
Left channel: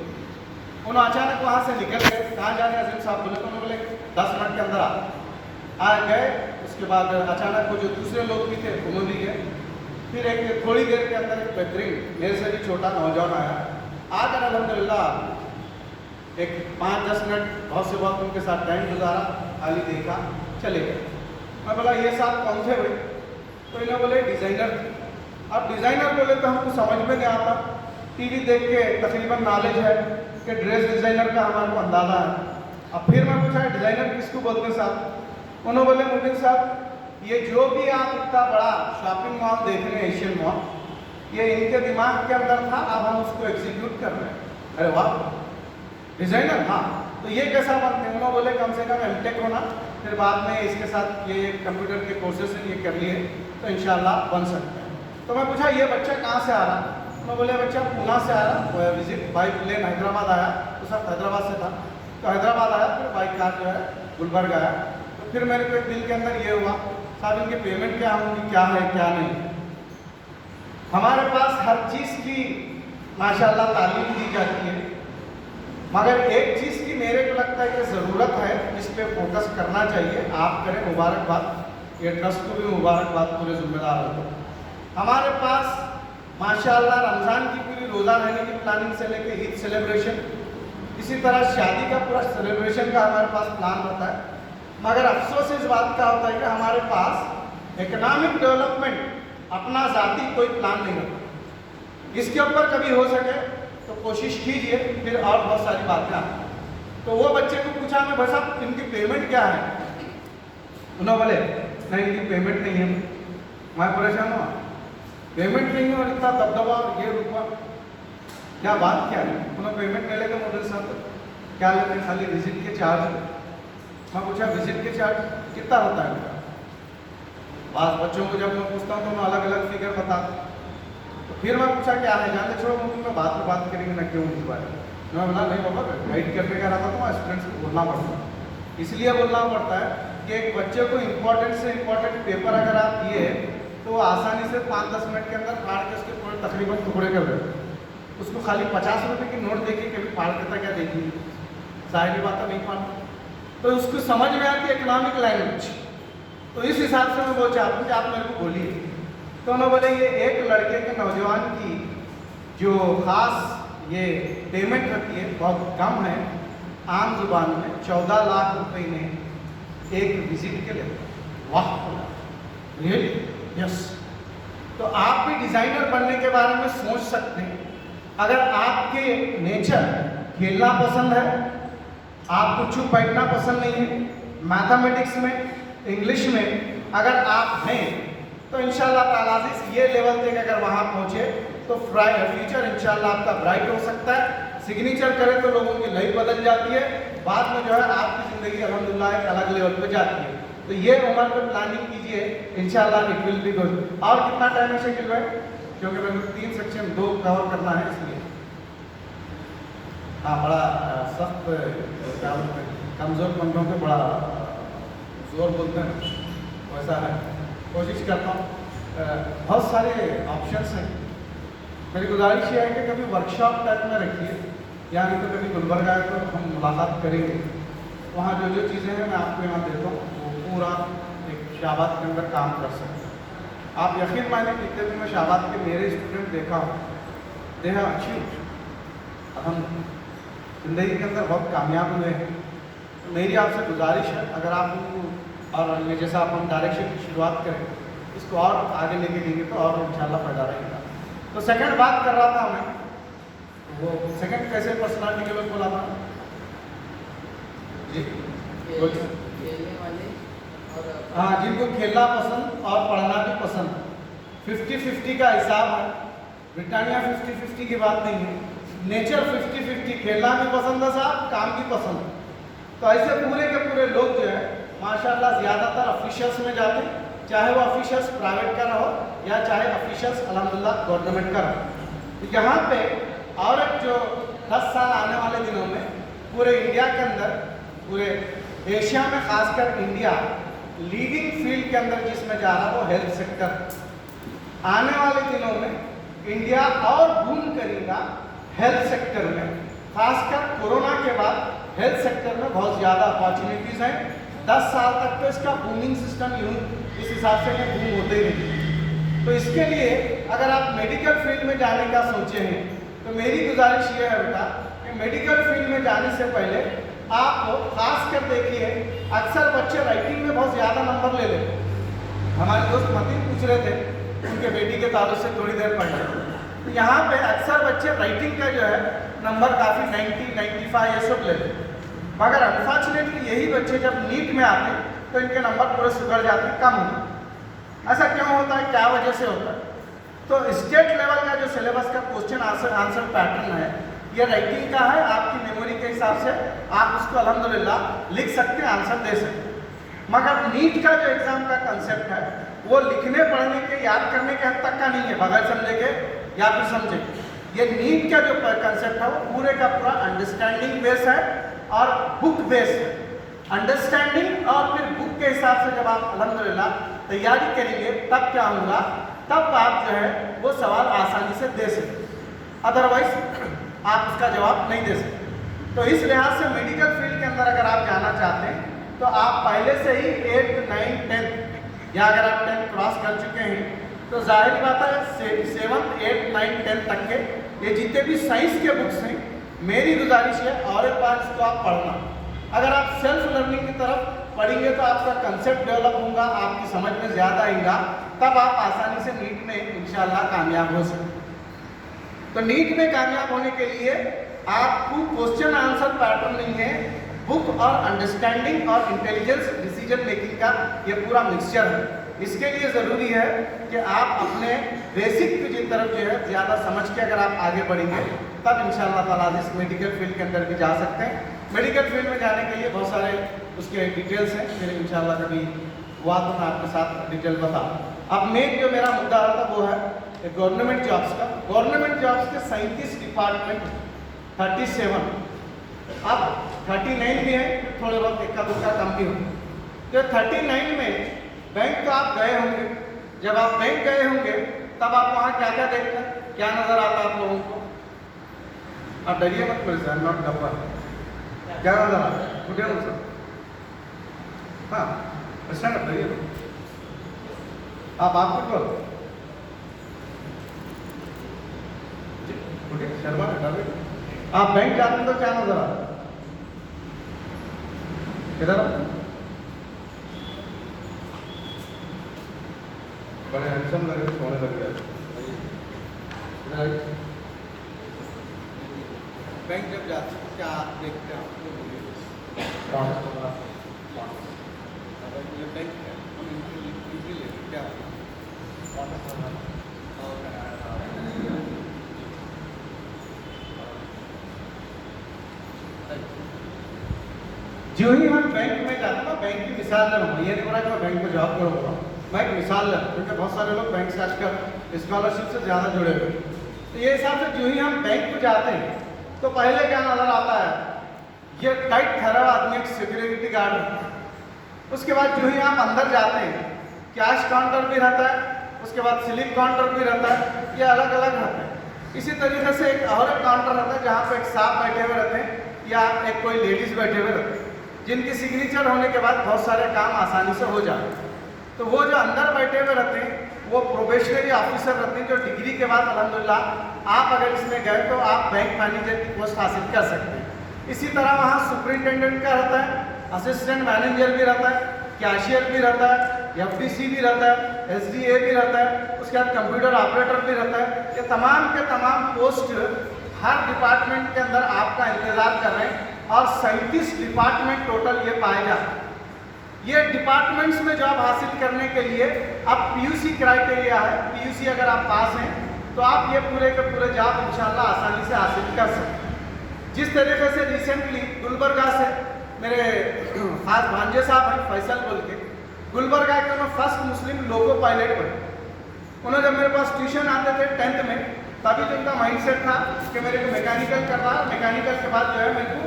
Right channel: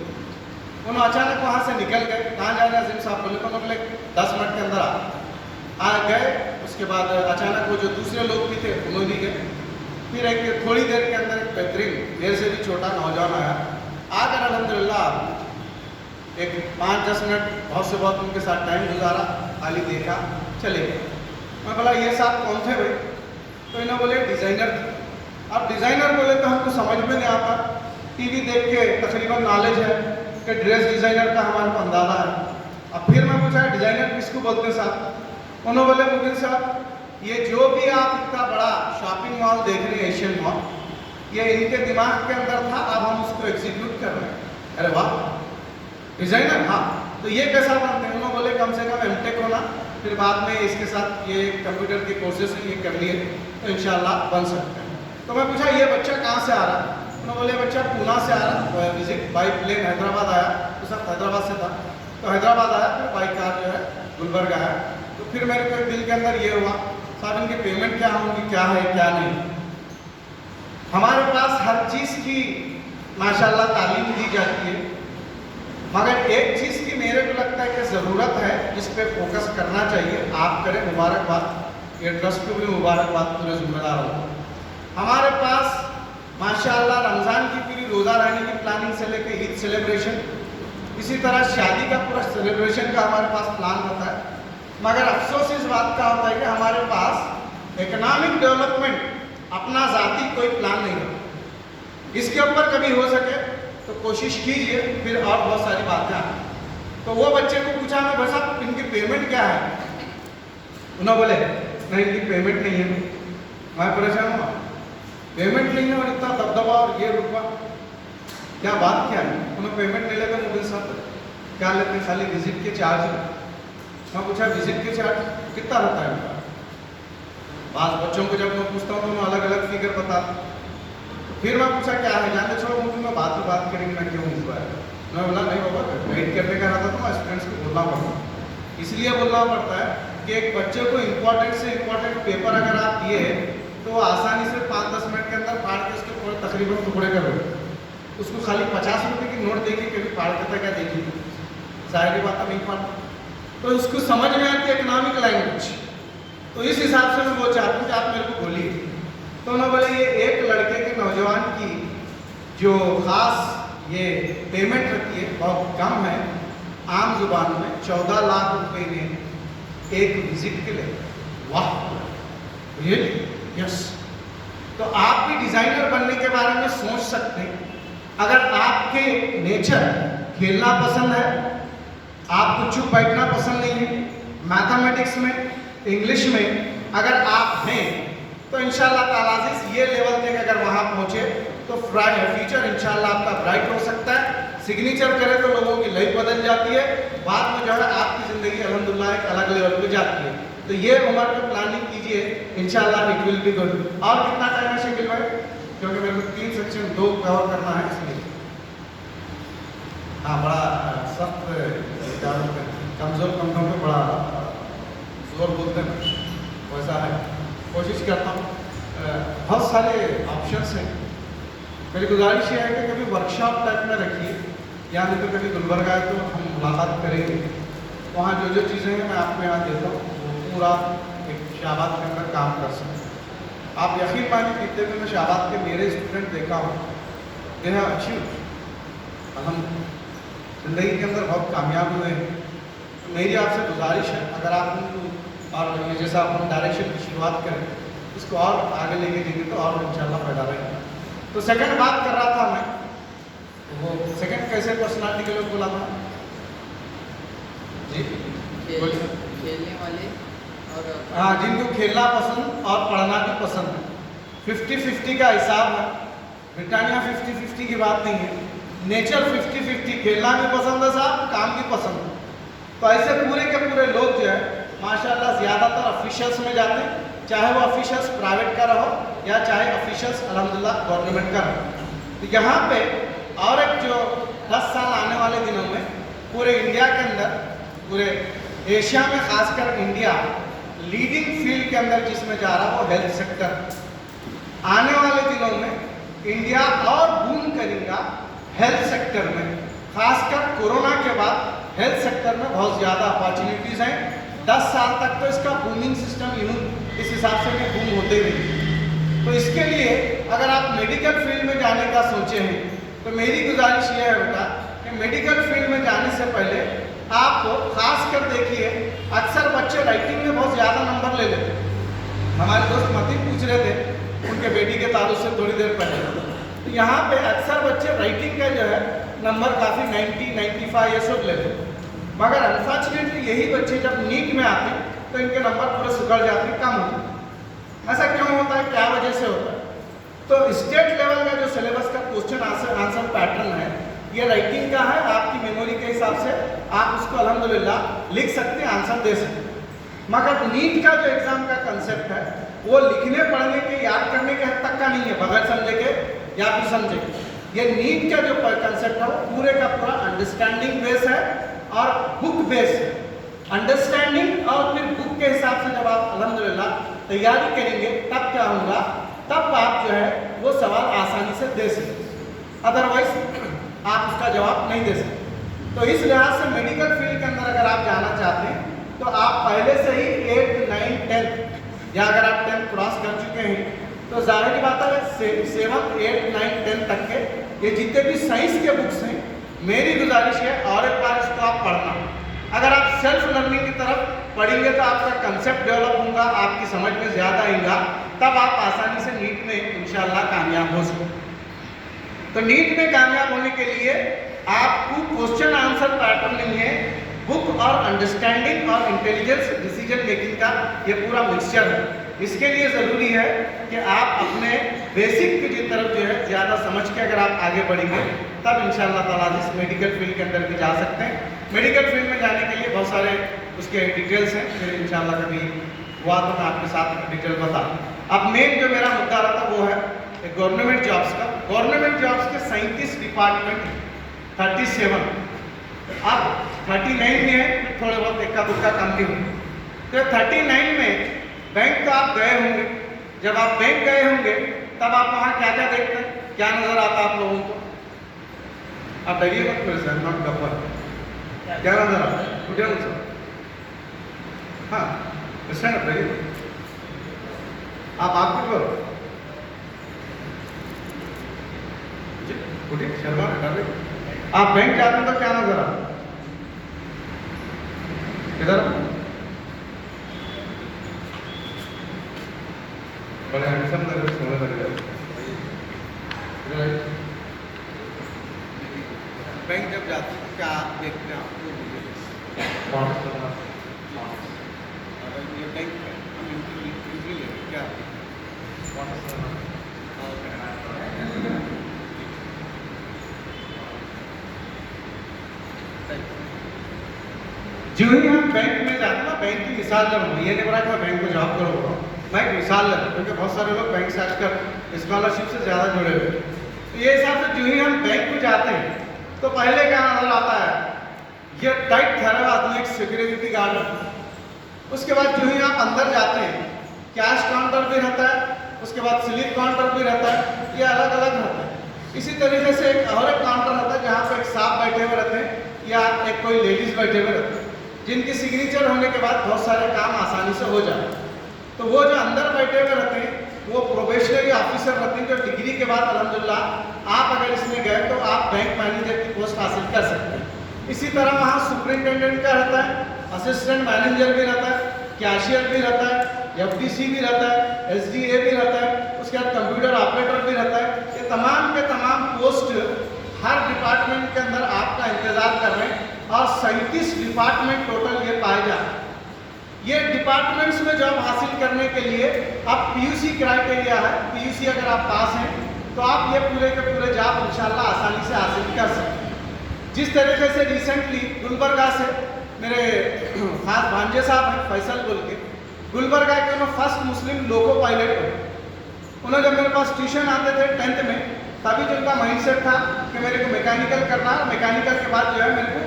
उन्होंने अचानक वहाँ से निकल गए, कहाँ जा रहे हैं अजीम साहब बोले, तो उन्होंने बोले 10 मिनट के अंदर आ गए। उसके बाद अचानक वो जो दूसरे लोग भी थे उन्होंने भी गए। फिर एक थोड़ी देर के अंदर एक बेहतरीन मेरे से भी छोटा नौजवान आया, आकर अल्हम्दुलिल्लाह एक 5-10 मिनट बहुत से बहुत उनके साथ टाइम गुजारा, खाली देखा, चले गए। मैं बोला ये साहब कौन थे भाई? तो इन्होंने बोले डिज़ाइनर थे। अब डिज़ाइनर बोले तो हमको समझ में नहीं आता, TV देख के तकरीबन नॉलेज है कि ड्रेस डिज़ाइनर का हमारे को अंदाज़ा है। अब फिर मैं पूछा डिज़ाइनर किसको बोलते हैं साहब? उन्होंने बोले मुबिन साहब ये जो भी आप इतना बड़ा शॉपिंग मॉल देख रहे हैं एशियन मॉल, ये इनके दिमाग के अंदर था, अब हम उसको एग्जीक्यूट कर रहे हैं। अरे वाह डिज़ाइनर, हाँ तो ये कैसा बनते हैं? उन्होंने बोले कम से कम M.Tech होना, फिर बाद में इसके साथ ये कंप्यूटर के कोर्सेज ये कर लिए तो इंशाल्लाह बन सकते हैं। तो मैं पूछा ये बच्चा कहाँ से आ रहा? उन्होंने बोले बच्चा पूना से आ रहा, विजिट बाई प्लेन हैदराबाद आया, उस वक्त हैदराबाद से था, तो हैदराबाद आया, फिर बाई कार जो है गुलबर्गा आया। तो फिर मेरे को एक दिल के अंदर ये हुआ साहब इनकी पेमेंट क्या होगी, क्या है क्या नहीं। हमारे पास हर चीज़ की माशाल्लाह तालीम दी जाती है, मगर एक चीज़ की मेरे को लगता है कि ज़रूरत है, इस पर फोकस करना चाहिए, आप करें, मुबारकबाद, ये ट्रस्ट को भी मुबारकबाद, पूरे जिम्मेदार हो। हमारे पास माशाल्लाह रमज़ान की पूरी रोज़ा रहने की प्लानिंग से लेकर ईद सेलिब्रेशन, इसी तरह शादी का पूरा सेलिब्रेशन का हमारे पास प्लान होता है, मगर अफसोस इस बात का होता है कि हमारे पास इकोनॉमिक डेवलपमेंट अपना ज़ाती कोई प्लान नहीं है। इसके ऊपर कभी हो सके तो कोशिश कीजिए, फिर और बहुत सारी बातें आती। तो वो बच्चे को पूछा मैं भाई साहब इनकी पेमेंट क्या है? उन्होंने बोले नहीं इनकी पेमेंट नहीं है। मैं परेशान हुआ, पेमेंट नहीं है और इतना दबदबा और ये रुपा, क्या बात क्या है? उन्होंने पेमेंट नहीं लेते मुझे साहब, क्या लेते हैं? खाली विजिट के चार्ज। मैं पूछा विजिट के चार्ज कितना होता है? बाद बच्चों को जब मैं पूछता हूँ तो उन्हें अलग अलग फिगर बताता। फिर मैं पूछा क्या है? जाने छोड़ो, मैं बाद में बात करेंगे ना, क्यों इस बार मैं बोला नहीं बाबा, गाइड करने का रहता तो मैं स्टूडेंट्स को बोलना पड़ता, इसलिए बोलना पड़ता है कि एक बच्चे को इम्पोर्टेंट से इम्पोर्टेंट पेपर अगर आप दिए तो वो आसानी से 5-10 मिनट के अंदर फाड़ के उसके पूरे तकरीबन टुकड़े कर देते, उसको खाली 50 रुपये की नोट देखिए कभी फाड़ के क्या देखिए, सारी बात नहीं फाड़, तो उसको समझ में आती है इकोनॉमिक लैंग्वेज। तो इस हिसाब से मैं वो चाहता हूँ कि आप मेरे को बोलिए। तो मैं बोले ये एक लड़के के नौजवान की जो खास ये पेमेंट रहती है बहुत कम है, आम जुबान में 14 लाख रुपए ने एक विजिट के लिए। वाह, ये यस। तो आप भी डिजाइनर बनने के बारे में सोच सकते हैं। अगर आपके नेचर खेलना पसंद है, आपको चुप बैठना पसंद नहीं है, मैथमेटिक्स में, इंग्लिश में अगर आप हैं तो इंशाल्लाह ताला से ये लेवल तक अगर वहाँ पहुँचे तो फ्यूचर इंशाल्लाह आपका ब्राइट हो सकता है। सिग्नेचर करें तो लोगों की लाइफ बदल जाती है, बाद में जो है आपकी ज़िंदगी अल्हम्दुलिल्लाह एक अलग लेवल पे जाती है। तो ये उम्र पे प्लानिंग कीजिए, इंशाल्लाह इट विल बी गुड। और कितना टाइम है शेकिल भाई? क्योंकि मेरे को 3 सेक्शन 2 कवर करना है इसलिए। हाँ, बड़ा सख्त कमज़ोर कंधों पे बड़ा जोर बोलते हैं, वैसा है। कोशिश करता हूँ, बहुत सारे ऑप्शंस हैं। मेरी गुजारिश ये है कि कभी वर्कशॉप टाइप में रखिए, या नहीं तो कभी गुलबर्गा है तो हम मुलाकात करेंगे, वहाँ जो जो चीज़ें हैं मैं आपको यहाँ देता हूँ, वो पूरा एक शाबाद के अंदर काम कर सकते। आप यकीन मानिए कितने भी मैं शाबाद के मेरे स्टूडेंट देखा हूँ, दे हैव अचीव्ड, हम जिंदगी के अंदर बहुत कामयाब हुए हैं। तो मेरी आपसे गुजारिश है, अगर आप उनको और ये जैसा आप डायरेक्शन की शुरुआत करें, इसको और आगे लेके जाएंगे तो और इंशाल्लाह फायदा रहेगा। तो सेकंड बात कर रहा था मैं, वो सेकंड कैसे पर्सनालिटी के लोग बोला था जी, खेलने वाले और हाँ, जिनको खेलना पसंद और पढ़ना भी पसंद है। 50-50 का हिसाब है, ब्रिटानिया 50-50 की बात नहीं है, नेचर 50-50, खेलना भी पसंद है साहब, काम भी पसंद है। तो ऐसे पूरे के पूरे लोग जो है माशाल्लाह ज़्यादातर ऑफिशियल्स में जाते हैं, चाहे वो ऑफिशियल्स प्राइवेट का रहो या चाहे ऑफिशियल्स अल्हम्दुलिल्लाह गवर्नमेंट का रहो। तो यहाँ पे और एक जो 10 साल आने वाले दिनों में पूरे इंडिया के अंदर, पूरे एशिया में खासकर इंडिया लीडिंग फील्ड के अंदर जिसमें जा रहा है वो हेल्थ सेक्टर। आने वाले दिनों में इंडिया और बूम करेगा हेल्थ सेक्टर में, खासकर कोरोना के बाद हेल्थ सेक्टर में बहुत ज़्यादा अपॉर्चुनिटीज़ हैं। 10 साल तक तो इसका बूमिंग सिस्टम इस हिसाब से कि बूम होते ही नहीं। तो इसके लिए अगर आप मेडिकल फील्ड में जाने का सोचे हैं तो मेरी गुजारिश ये है बेटा कि मेडिकल फील्ड में जाने से पहले आप खास कर देखिए, अक्सर बच्चे राइटिंग में बहुत ज़्यादा नंबर ले लेते हैं। हमारे दोस्त मतीन पूछ रहे थे, उनके बेटी के तारुफ से थोड़ी देर पहले, तो यहाँ पे अक्सर बच्चे राइटिंग का जो है नंबर काफ़ी 90, 95 ये सब लेते हैं। मगर अनफॉर्चुनेटली यही बच्चे जब नीट में आते हैं तो इनके नंबर पूरे सुधर जाते हैं, कम होते हैं। ऐसा क्यों होता है, क्या वजह से होता है? तो स्टेट लेवल का जो सिलेबस का क्वेश्चन आंसर पैटर्न है, ये राइटिंग का है, आपकी मेमोरी के हिसाब से आप उसको अल्हम्दुलिल्लाह लिख सकते हैं, आंसर दे सकते हैं। मगर नीट का जो एग्ज़ाम का कंसेप्ट है वो लिखने पढ़ने के याद करने के हद तक का नहीं है, बगैर समझे के या फिर समझे। ये नीट का जो कंसेप्ट है वो पूरे का पूरा अंडरस्टैंडिंग बेस है और बुक बेस है। अंडरस्टैंडिंग और फिर बुक के हिसाब से जब आप अल्हम्दुलिल्लाह तैयारी करेंगे तब क्या होगा, तब आप जो है वो सवाल आसानी से दे सकते, अदरवाइज आप उसका जवाब नहीं दे सकते। तो इस लिहाज से मेडिकल फील्ड के अंदर अगर आप जाना चाहते हैं तो आप पहले से ही 8, 9, 10 या अगर आप 10 क्रॉस कर चुके हैं तो जाहिर बात है 7, 8, 9, 10 तक के ये जितने भी साइंस के बुक्स हैं, मेरी गुजारिश है और एक बार इसको आप पढ़ना। अगर आप सेल्फ लर्निंग की तरफ पढ़ेंगे तो आपका कंसेप्ट डेवलप होगा, आपकी समझ में ज़्यादा आएगा, तब आप आसानी से नीट में इंशाल्लाह कामयाब हो सकते। तो नीट में कामयाब होने के लिए आपको क्वेश्चन आंसर पैटर्न नहीं है, बुक और अंडरस्टैंडिंग और इंटेलिजेंस डिसीजन मेकिंग का ये पूरा मिक्सचर है। इसके लिए ज़रूरी है कि आप अपने बेसिक की तरफ जो है ज़्यादा समझ के अगर आप आगे बढ़ेंगे तब इंशाल्लाह ताला इस मेडिकल फील्ड के अंदर भी जा सकते हैं। मेडिकल फील्ड में जाने के लिए बहुत सारे उसके डिटेल्स हैं, फिर इंशाल्लाह कभी हुआ तो मैं आपके साथ डिटेल बता। अब मेन जो मेरा मुद्दा रहा था वो है गवर्नमेंट जॉब्स का। गवर्नमेंट जॉब्स के 37 डिपार्टमेंट, 37, अब 39 भी है, थोड़े बहुत इक्का दुक्का कम भी होंगे। तो 39 में बैंक तो आप गए होंगे, जब आप बैंक गए होंगे तब आप वहाँ क्या क्या देखते हैं, क्या नजर आता आप लोगों को? आप डरिए मत, मेरे से नॉट गप्पा, क्या नजर आता है? उठे ना सर, हाँ स्टैंड अप डरिए, आप कुछ करो, उठिए, शर्मा कर रहे, आप बैंक जाते हैं तो क्या नजर आता है? इधर बड़े हैंडसम लग रहे, सोने लग गया। बैंक जब जाते हैं क्या आप देखते हैं? आपको अगर ये बैंक है, हम इनकी ले क्या जो ही हम बैंक में जाते हैं ना, बैंक की मिसाल ले रहा हूँ, ये नहीं बोला कि मैं बैंक में जॉब करूँगा, मैं एक मिसाल ले रहा हूँ क्योंकि बहुत सारे लोग बैंक से आजकल स्कॉलरशिप से ज़्यादा जुड़े हुए हैं। तो ये हिसाब से जो ही हम बैंक में जाते हैं तो पहले क्या नजर आता है, ये टाइट ठहरा हुआ आदमी, एक सिक्योरिटी गार्ड है। उसके बाद जो ही आप अंदर जाते हैं, कैश काउंटर भी रहता है, उसके बाद स्लिप काउंटर भी रहता है, ये अलग अलग रहते हैं। इसी तरीके से एक और एक काउंटर रहता है जहाँ पे एक साहब बैठे हुए रहते हैं या एक कोई लेडीज बैठे हुए रहते हैं, जिनकी सिग्नेचर होने के बाद बहुत सारे काम आसानी से हो जाते हैं। तो वो जो अंदर बैठे हुए रहते हैं वो प्रोबेशनरी ऑफिसर रहते हैं, जो डिग्री के बाद अल्हम्दुलिल्लाह आप अगर इसमें गए तो आप बैंक मैनेजर की पोस्ट हासिल कर सकते हैं। इसी तरह वहाँ सुपरिटेंडेंट का रहता है, असिस्टेंट मैनेजर भी रहता है, कैशियर भी रहता है, एफडीसी भी रहता है, एसडीए भी रहता है, उसके बाद कंप्यूटर ऑपरेटर भी रहता है। ये तमाम के तमाम पोस्ट हर डिपार्टमेंट के अंदर आपका इंतजार कर रहे हैं और 37 डिपार्टमेंट टोटल ये पाए जाते हैं। ये डिपार्टमेंट्स में जॉब हासिल करने के लिए अब पीयूसी क्राइटेरिया है, पीयूसी अगर आप पास हैं तो आप ये पूरे के पूरे जॉब इंशाल्लाह आसानी से हासिल कर सकते हैं। जिस तरीके से रिसेंटली गुलबर्गा से मेरे खास भांजे साहब हैं फैसल बोल के, गुलबर्गा के उन्होंने फर्स्ट मुस्लिम लोको पायलट बने। उन्होंने जब मेरे पास ट्यूशन आते थे 10th में, तभी जो उनका माइंडसेट था कि मेरे को मैकेनिकल करना है, मैकेनिकल के बाद जो है मेरे को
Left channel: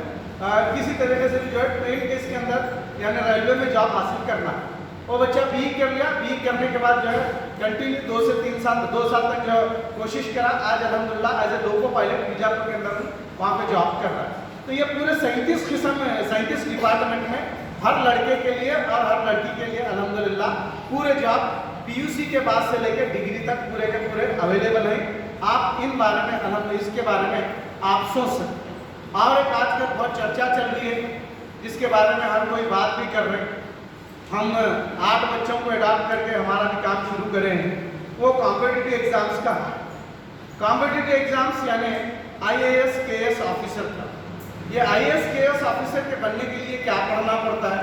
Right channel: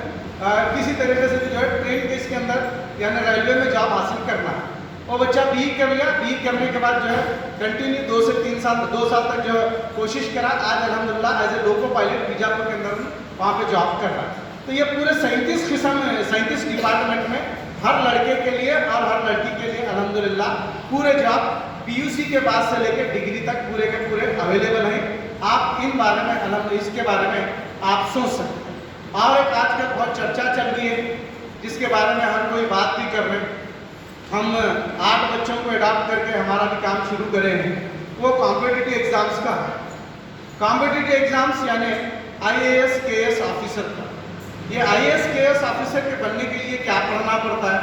किसी तरीके से भी जो है ट्रेन के इसके अंदर यानी रेलवे में जॉब हासिल करना है। वो बच्चा BE कर लिया, BE करने के बाद जो है कंटिन्यू 2 से 3 साल 2 साल तक जो कोशिश करा, आज अल्हम्दुलिल्लाह as a loco pilot Bijapur के अंदर वहाँ पे जॉब कर रहा है। तो ये पूरे 37 किस्म में 37 डिपार्टमेंट में हर लड़के के लिए और हर लड़की के लिए अल्हम्दुलिल्लाह पूरे जॉब पीयूसी के बाद से लेकर डिग्री तक पूरे के पूरे अवेलेबल हैं। आप इन बारे में अल्हम्दुलिल्लाह इसके बारे में आप सोच सकते हैं। और एक आजकल बहुत चर्चा चल रही है जिसके बारे में हम कोई बात भी कर रहे हैं, हम 8 बच्चों को अडॉप्ट करके हमारा भी काम शुरू करे हैं, वो कॉम्पिटिटिव एग्जाम्स का है। कॉम्पिटिटिव एग्जाम्स यानी IAS KS ऑफिसर का। ये IAS KS ऑफिसर के बनने के लिए क्या पढ़ना पड़ता है?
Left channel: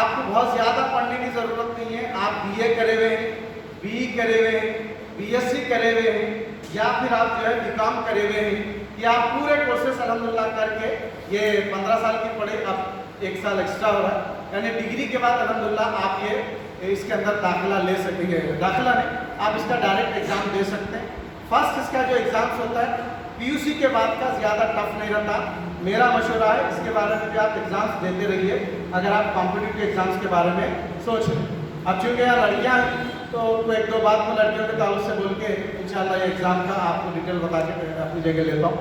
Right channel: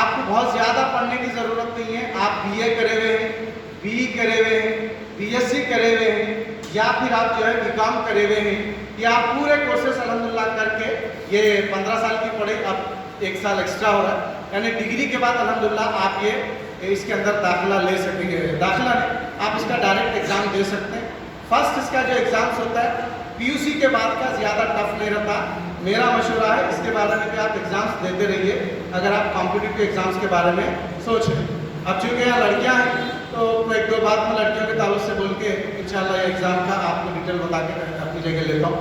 आपको बहुत ज़्यादा पढ़ने की ज़रूरत नहीं है। आप BA करे हुए हैं, BE करे हुए हैं, BSc करे हुए हैं या फिर आप जो है BCom करे हुए हैं, या आप पूरे कोर्सेस अल्हम्दुलिल्लाह करके ये 15 साल की पढ़े अब 1 साल एक्स्ट्रा हो रहा है, यानी डिग्री के बाद अल्हम्दुलिल्लाह आप ये इसके अंदर दाखिला ले सकेंगे। दाखिला नहीं, आप इसका डायरेक्ट एग्ज़ाम दे सकते हैं। फर्स्ट इसका जो एग्ज़ाम्स होता है पीयूसी के बाद का ज़्यादा टफ नहीं रहता। मेरा मशवरा है इसके बारे में भी आप एग्ज़ाम्स देते रहिए अगर आप कॉम्पिटिटिव एग्ज़ाम्स के बारे में सोच रहे हैं। अब चूँकि यहाँ लड़कियाँ हैं तो मैं 1-2 बात में लड़कियों के ताल्लुक से बोल के इंशाल्लाह ये एग्ज़ाम का आपको डिटेल बता के अपनी जगह लेता हूँ।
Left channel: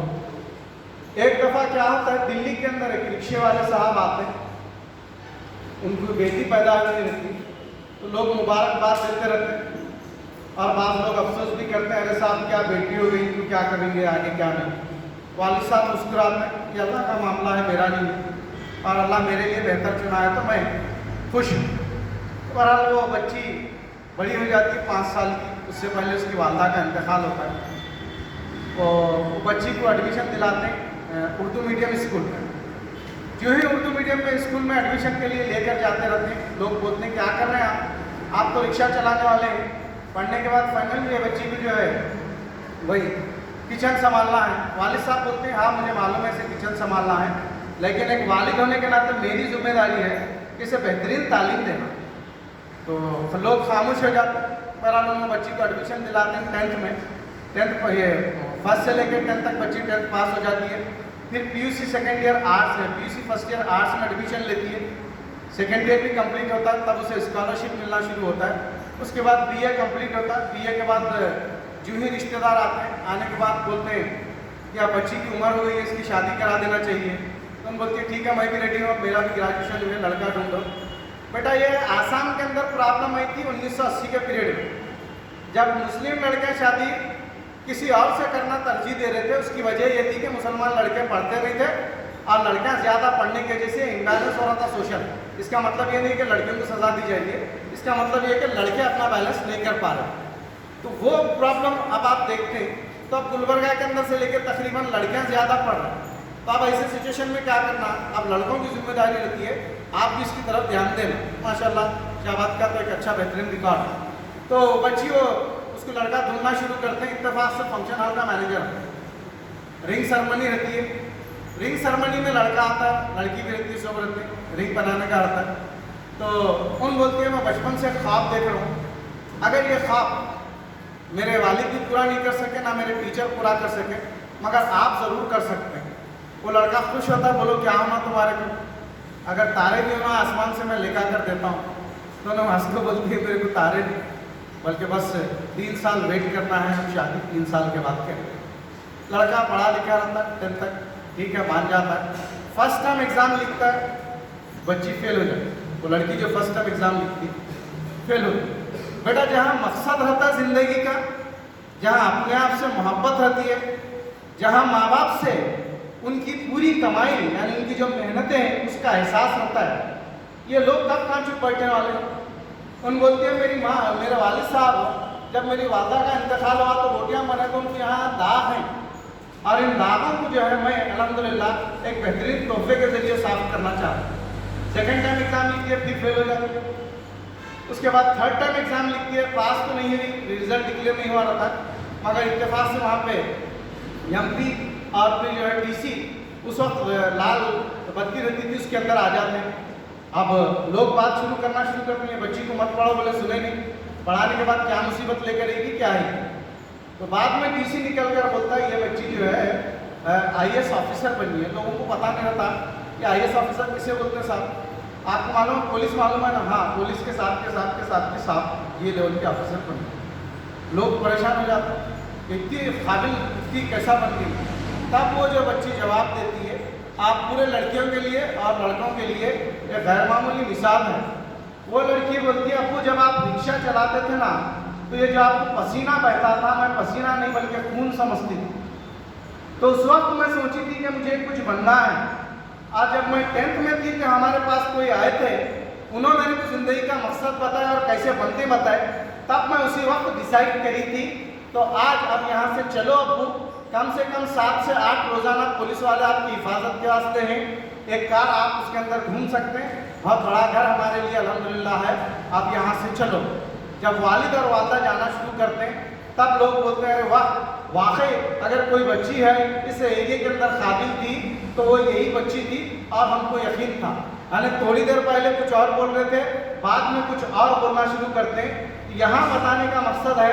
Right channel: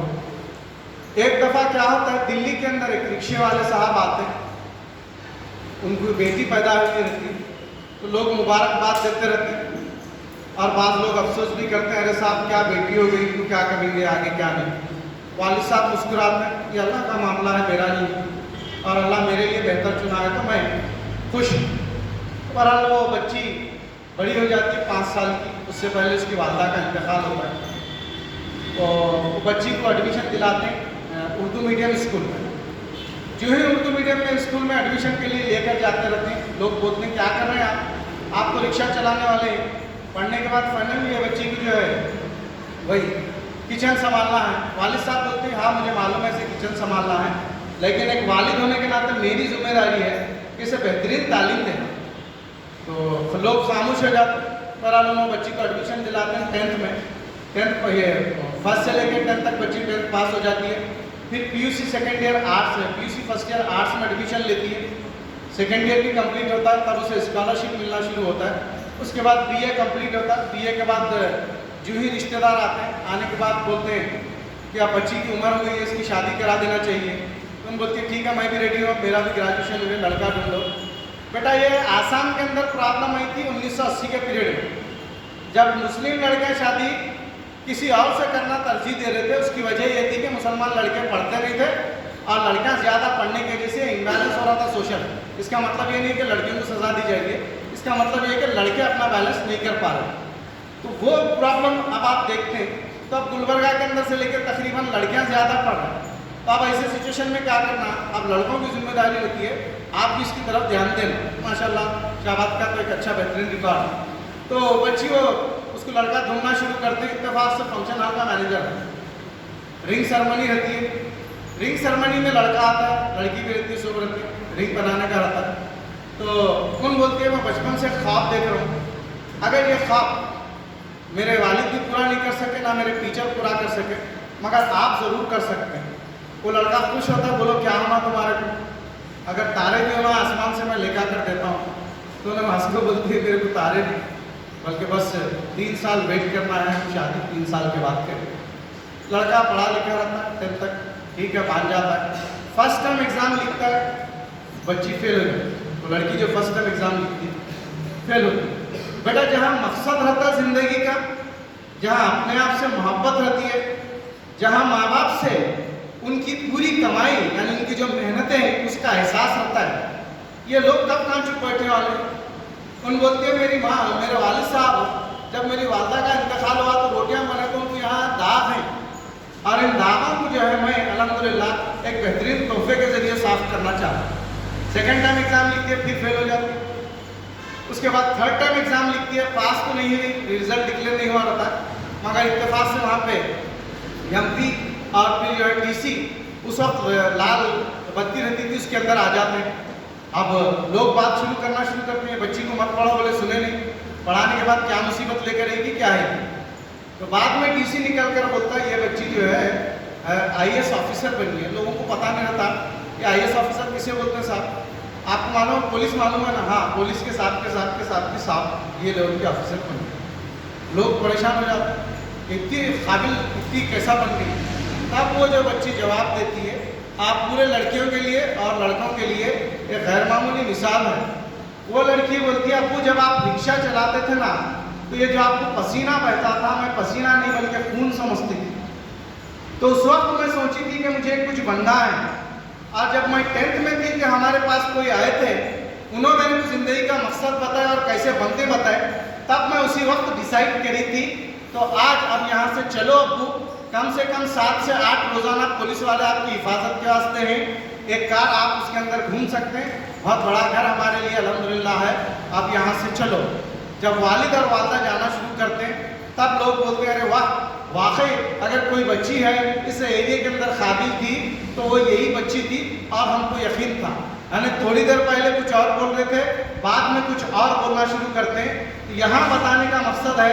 एक दफ़ा क्या होता है, दिल्ली के अंदर एक रिक्शे वाले साहब आते हैं, उनको बेटी पैदा हुई रहती है तो लोग मुबारकबाद देते रहते हैं और बाद लोग अफसोस भी करते हैं, अरे साहब क्या बेटी हो गई, तो क्या करेंगे आगे क्या नहीं। वालिद साहब मुस्कुराते हैं, ये अल्लाह का मामला है, मेरा नहीं है और अल्लाह मेरे लिए बेहतर चुना है तो मैं खुश हूँ। बहरहाल वो बच्ची बड़ी हो जाती है 5 साल की, उससे पहले उसकी वालदा का इंतकाल होता है तो वो बच्ची को एडमिशन दिलाते हैं उर्दू मीडियम स्कूल में। जो ही उर्दू मीडियम में स्कूल में एडमिशन के लिए लेकर जाते रहते हैं, लोग बोलते हैं क्या कर रहे हैं आप तो रिक्शा चलाने वाले हैं। पढ़ने के बाद फाइनली ये बच्ची को जो है वही किचन संभालना है। वालिद साहब बोलते हैं हाँ मुझे मालूम है इसे किचन संभालना है, लेकिन एक वालिद होने के नाते मेरी जिम्मेदारी है कि इसे बेहतरीन तालीम देना। तो लोग खामोश हो जाते हैं। बहरहाल वो बच्ची को एडमिशन दिलाते हैं 10th में। 10th ये फर्स्ट से लेकर 10th तक बच्ची 10th पास हो जाती है। फिर पीयूसी सेकेंड ईयर आर्ट्स है, पीयूसी फर्स्ट ईयर आर्ट्स में एडमिशन लेती है, सेकेंड ईयर भी कंप्लीट होता है, तब उसे स्कॉलरशिप मिलना शुरू होता है। उसके बाद बीए कंप्लीट होता है, बीए के बाद जो ही रिश्तेदार आते हैं, आने के बाद बोलते हैं कि अब बच्ची की उम्र हो गई है, इसकी शादी करा देना चाहिए। तो उन बोलते हैं ठीक है मैं भी रेडी हूँ, मेरा भी ग्रेजुएशन हुए, लड़का ढूंढो। बेटा ये आसाम के अंदर प्रॉब्लम आई थी 1980 के पीरियड में, जब मुस्लिम लड़के शादी किसी और से करना तरजीह दे रहे थे। उसकी वजह ये थी कि मुसलमान लड़के पढ़ते नहीं थे और लड़कियां ज़्यादा पढ़ने की वजह से इम्बैलेंस हो रहा था सोशल। इसका मतलब ये नहीं कि लड़कियों को सजा दी जाएगी, इसका मतलब ये कि लड़के अपना बैलेंस नहीं कर पा रहे। तो वो प्रॉब्लम अब आप देखते हैं, तो अब गुलबर्गा के अंदर से लेकर तकरीबन लड़कियां ज़्यादा पढ़ रही हैं। तो अब ऐसे सिचुएशन में क्या करना, अब लड़कों की जिम्मेदारी रहती है आप भी इसकी तरफ ध्यान देना। माशाल्लाह शाबाद का तो एक अच्छा बेहतरीन रिकॉर्ड है। तो बच्ची वो उसको लड़का ढूंढना शुरू करते हैं, इत्तेफाक से फंक्शन हॉल का मैनेजर है, रिंग सेरेमनी रहती है, रिंग सेरेमनी में लड़का आता है, लड़की भी रहती है, सब रहते हैं, रिंग बनाने का रहता है। तो उन बोलते हैं मैं बचपन से ख्वाब देख रहा हूँ, अगर ये ख्वाब मेरे वालिद भी पूरा नहीं कर सके ना मेरे टीचर पूरा कर सके, मगर आप ज़रूर कर सकते हैं। वो लड़का खुश होता है, बोलो क्या होना तुम्हारे को, अगर तारे भी होना आसमान से मैं लेकर कर देता हूँ। तो मैं हंस को बोलती है मेरे को तारे नहीं, बल्कि बस 3 साल वेट करना है, हम शादी 3 साल के बाद करें। लड़का पढ़ा लिखा रहता है 10th तक, ठीक है, मान जाता है। फर्स्ट टर्म एग्ज़ाम लिखता है, बच्ची फेल हो गई। तो लड़की जो फर्स्ट टर्म एग्ज़ाम लिखती फेल हो गई। बेटा जहाँ मकसद रहता है ज़िंदगी का, जहाँ अपने आप से मोहब्बत रहती है, जहाँ माँ बाप से उनकी पूरी कमाई यानी उनकी जो मेहनतें हैं उसका एहसास रहता है, ये लोग कब कहाँ चुप बैठने वाले हैं। उन बोलते हैं मेरी माँ, मेरे वालिद साहब जब मेरी वालदा का इंतकाल हुआ तो रोटियाँ बने तो उनके यहाँ दाग हैं, और इन दागों को जो है मैं अल्हम्दुलिल्लाह एक बेहतरीन तोहफे के ज़रिए साफ करना चाहता हूँ। सेकेंड टाइम एग्ज़ाम लिखती है, फिर फेल हो जाती है। उसके बाद थर्ड टाइम एग्ज़ाम लिखती है, पास तो नहीं हुई, रिजल्ट डिक्लेयर नहीं हुआ रहता, मगर इत्तेफाक से वहाँ पे MP और फिर जो है TC उस वक्त लाल बत्ती रहती थी, उसके अंदर आ जाते हैं। अब लोग बात शुरू करना शुरू करते हैं, बच्ची को मत पढ़ाओ, बोले सुने नहीं, पढ़ाने के बाद क्या मुसीबत लेकर आएगी, क्या है। तो बाद में TC निकल कर बोलता है ये बच्ची जो है IAS ऑफिसर बनी है। लोगों को पता नहीं रहता कि IAS ऑफिसर किसे बोलते हैं साहब, आपको मालूम पुलिस मालूम है ना, हाँ पुलिस के साथ के साथ के साथ के साथ ये लोग के ऑफिसर बने। लोग परेशान हो जाते हैं, इतनी काबिल इतनी कैसा बन गई। तब वो जो बच्ची जवाब देती है, आप पूरे लड़कियों के लिए और लड़कों के लिए एक गैर मामूली मिसाल है। वो लड़की बोलती है अब्बू जब आप रिक्शा चलाते थे ना, तो ये जो आपको पसीना बहता था, मैं पसीना नहीं बल्कि खून समझती थी। तो उस वक्त मैं सोची थी कि मुझे कुछ बनना है। आज जब मैं 10th में थी कि हमारे पास कोई आए थे, उन्होंने मुझे ज़िंदगी का मकसद बताया और कैसे बनते बताए, तब मैं उसी वक्त डिसाइड करी थी। तो आज अब यहाँ से चलो अब्बू, कम से कम 7 से 8 रोज़ाना पुलिस वाले आपकी हिफाजत के वास्ते हैं, एक कार आप उसके अंदर घूम सकते हैं, बहुत बड़ा घर हमारे लिए अल्हम्दुलिल्लाह है, अब यहाँ से चलो। जब वालिद और वालदा जाना शुरू करते हैं तब लोग बोलते हैं अरे वाह, वाकई अगर कोई बच्ची है इस एरिया के अंदर काबिल थी तो वो यही बच्ची थी, और हमको यकीन था। यानी थोड़ी देर पहले कुछ और बोल रहे थे, बाद में कुछ और बोलना शुरू करते हैं। यहाँ बताने का मकसद है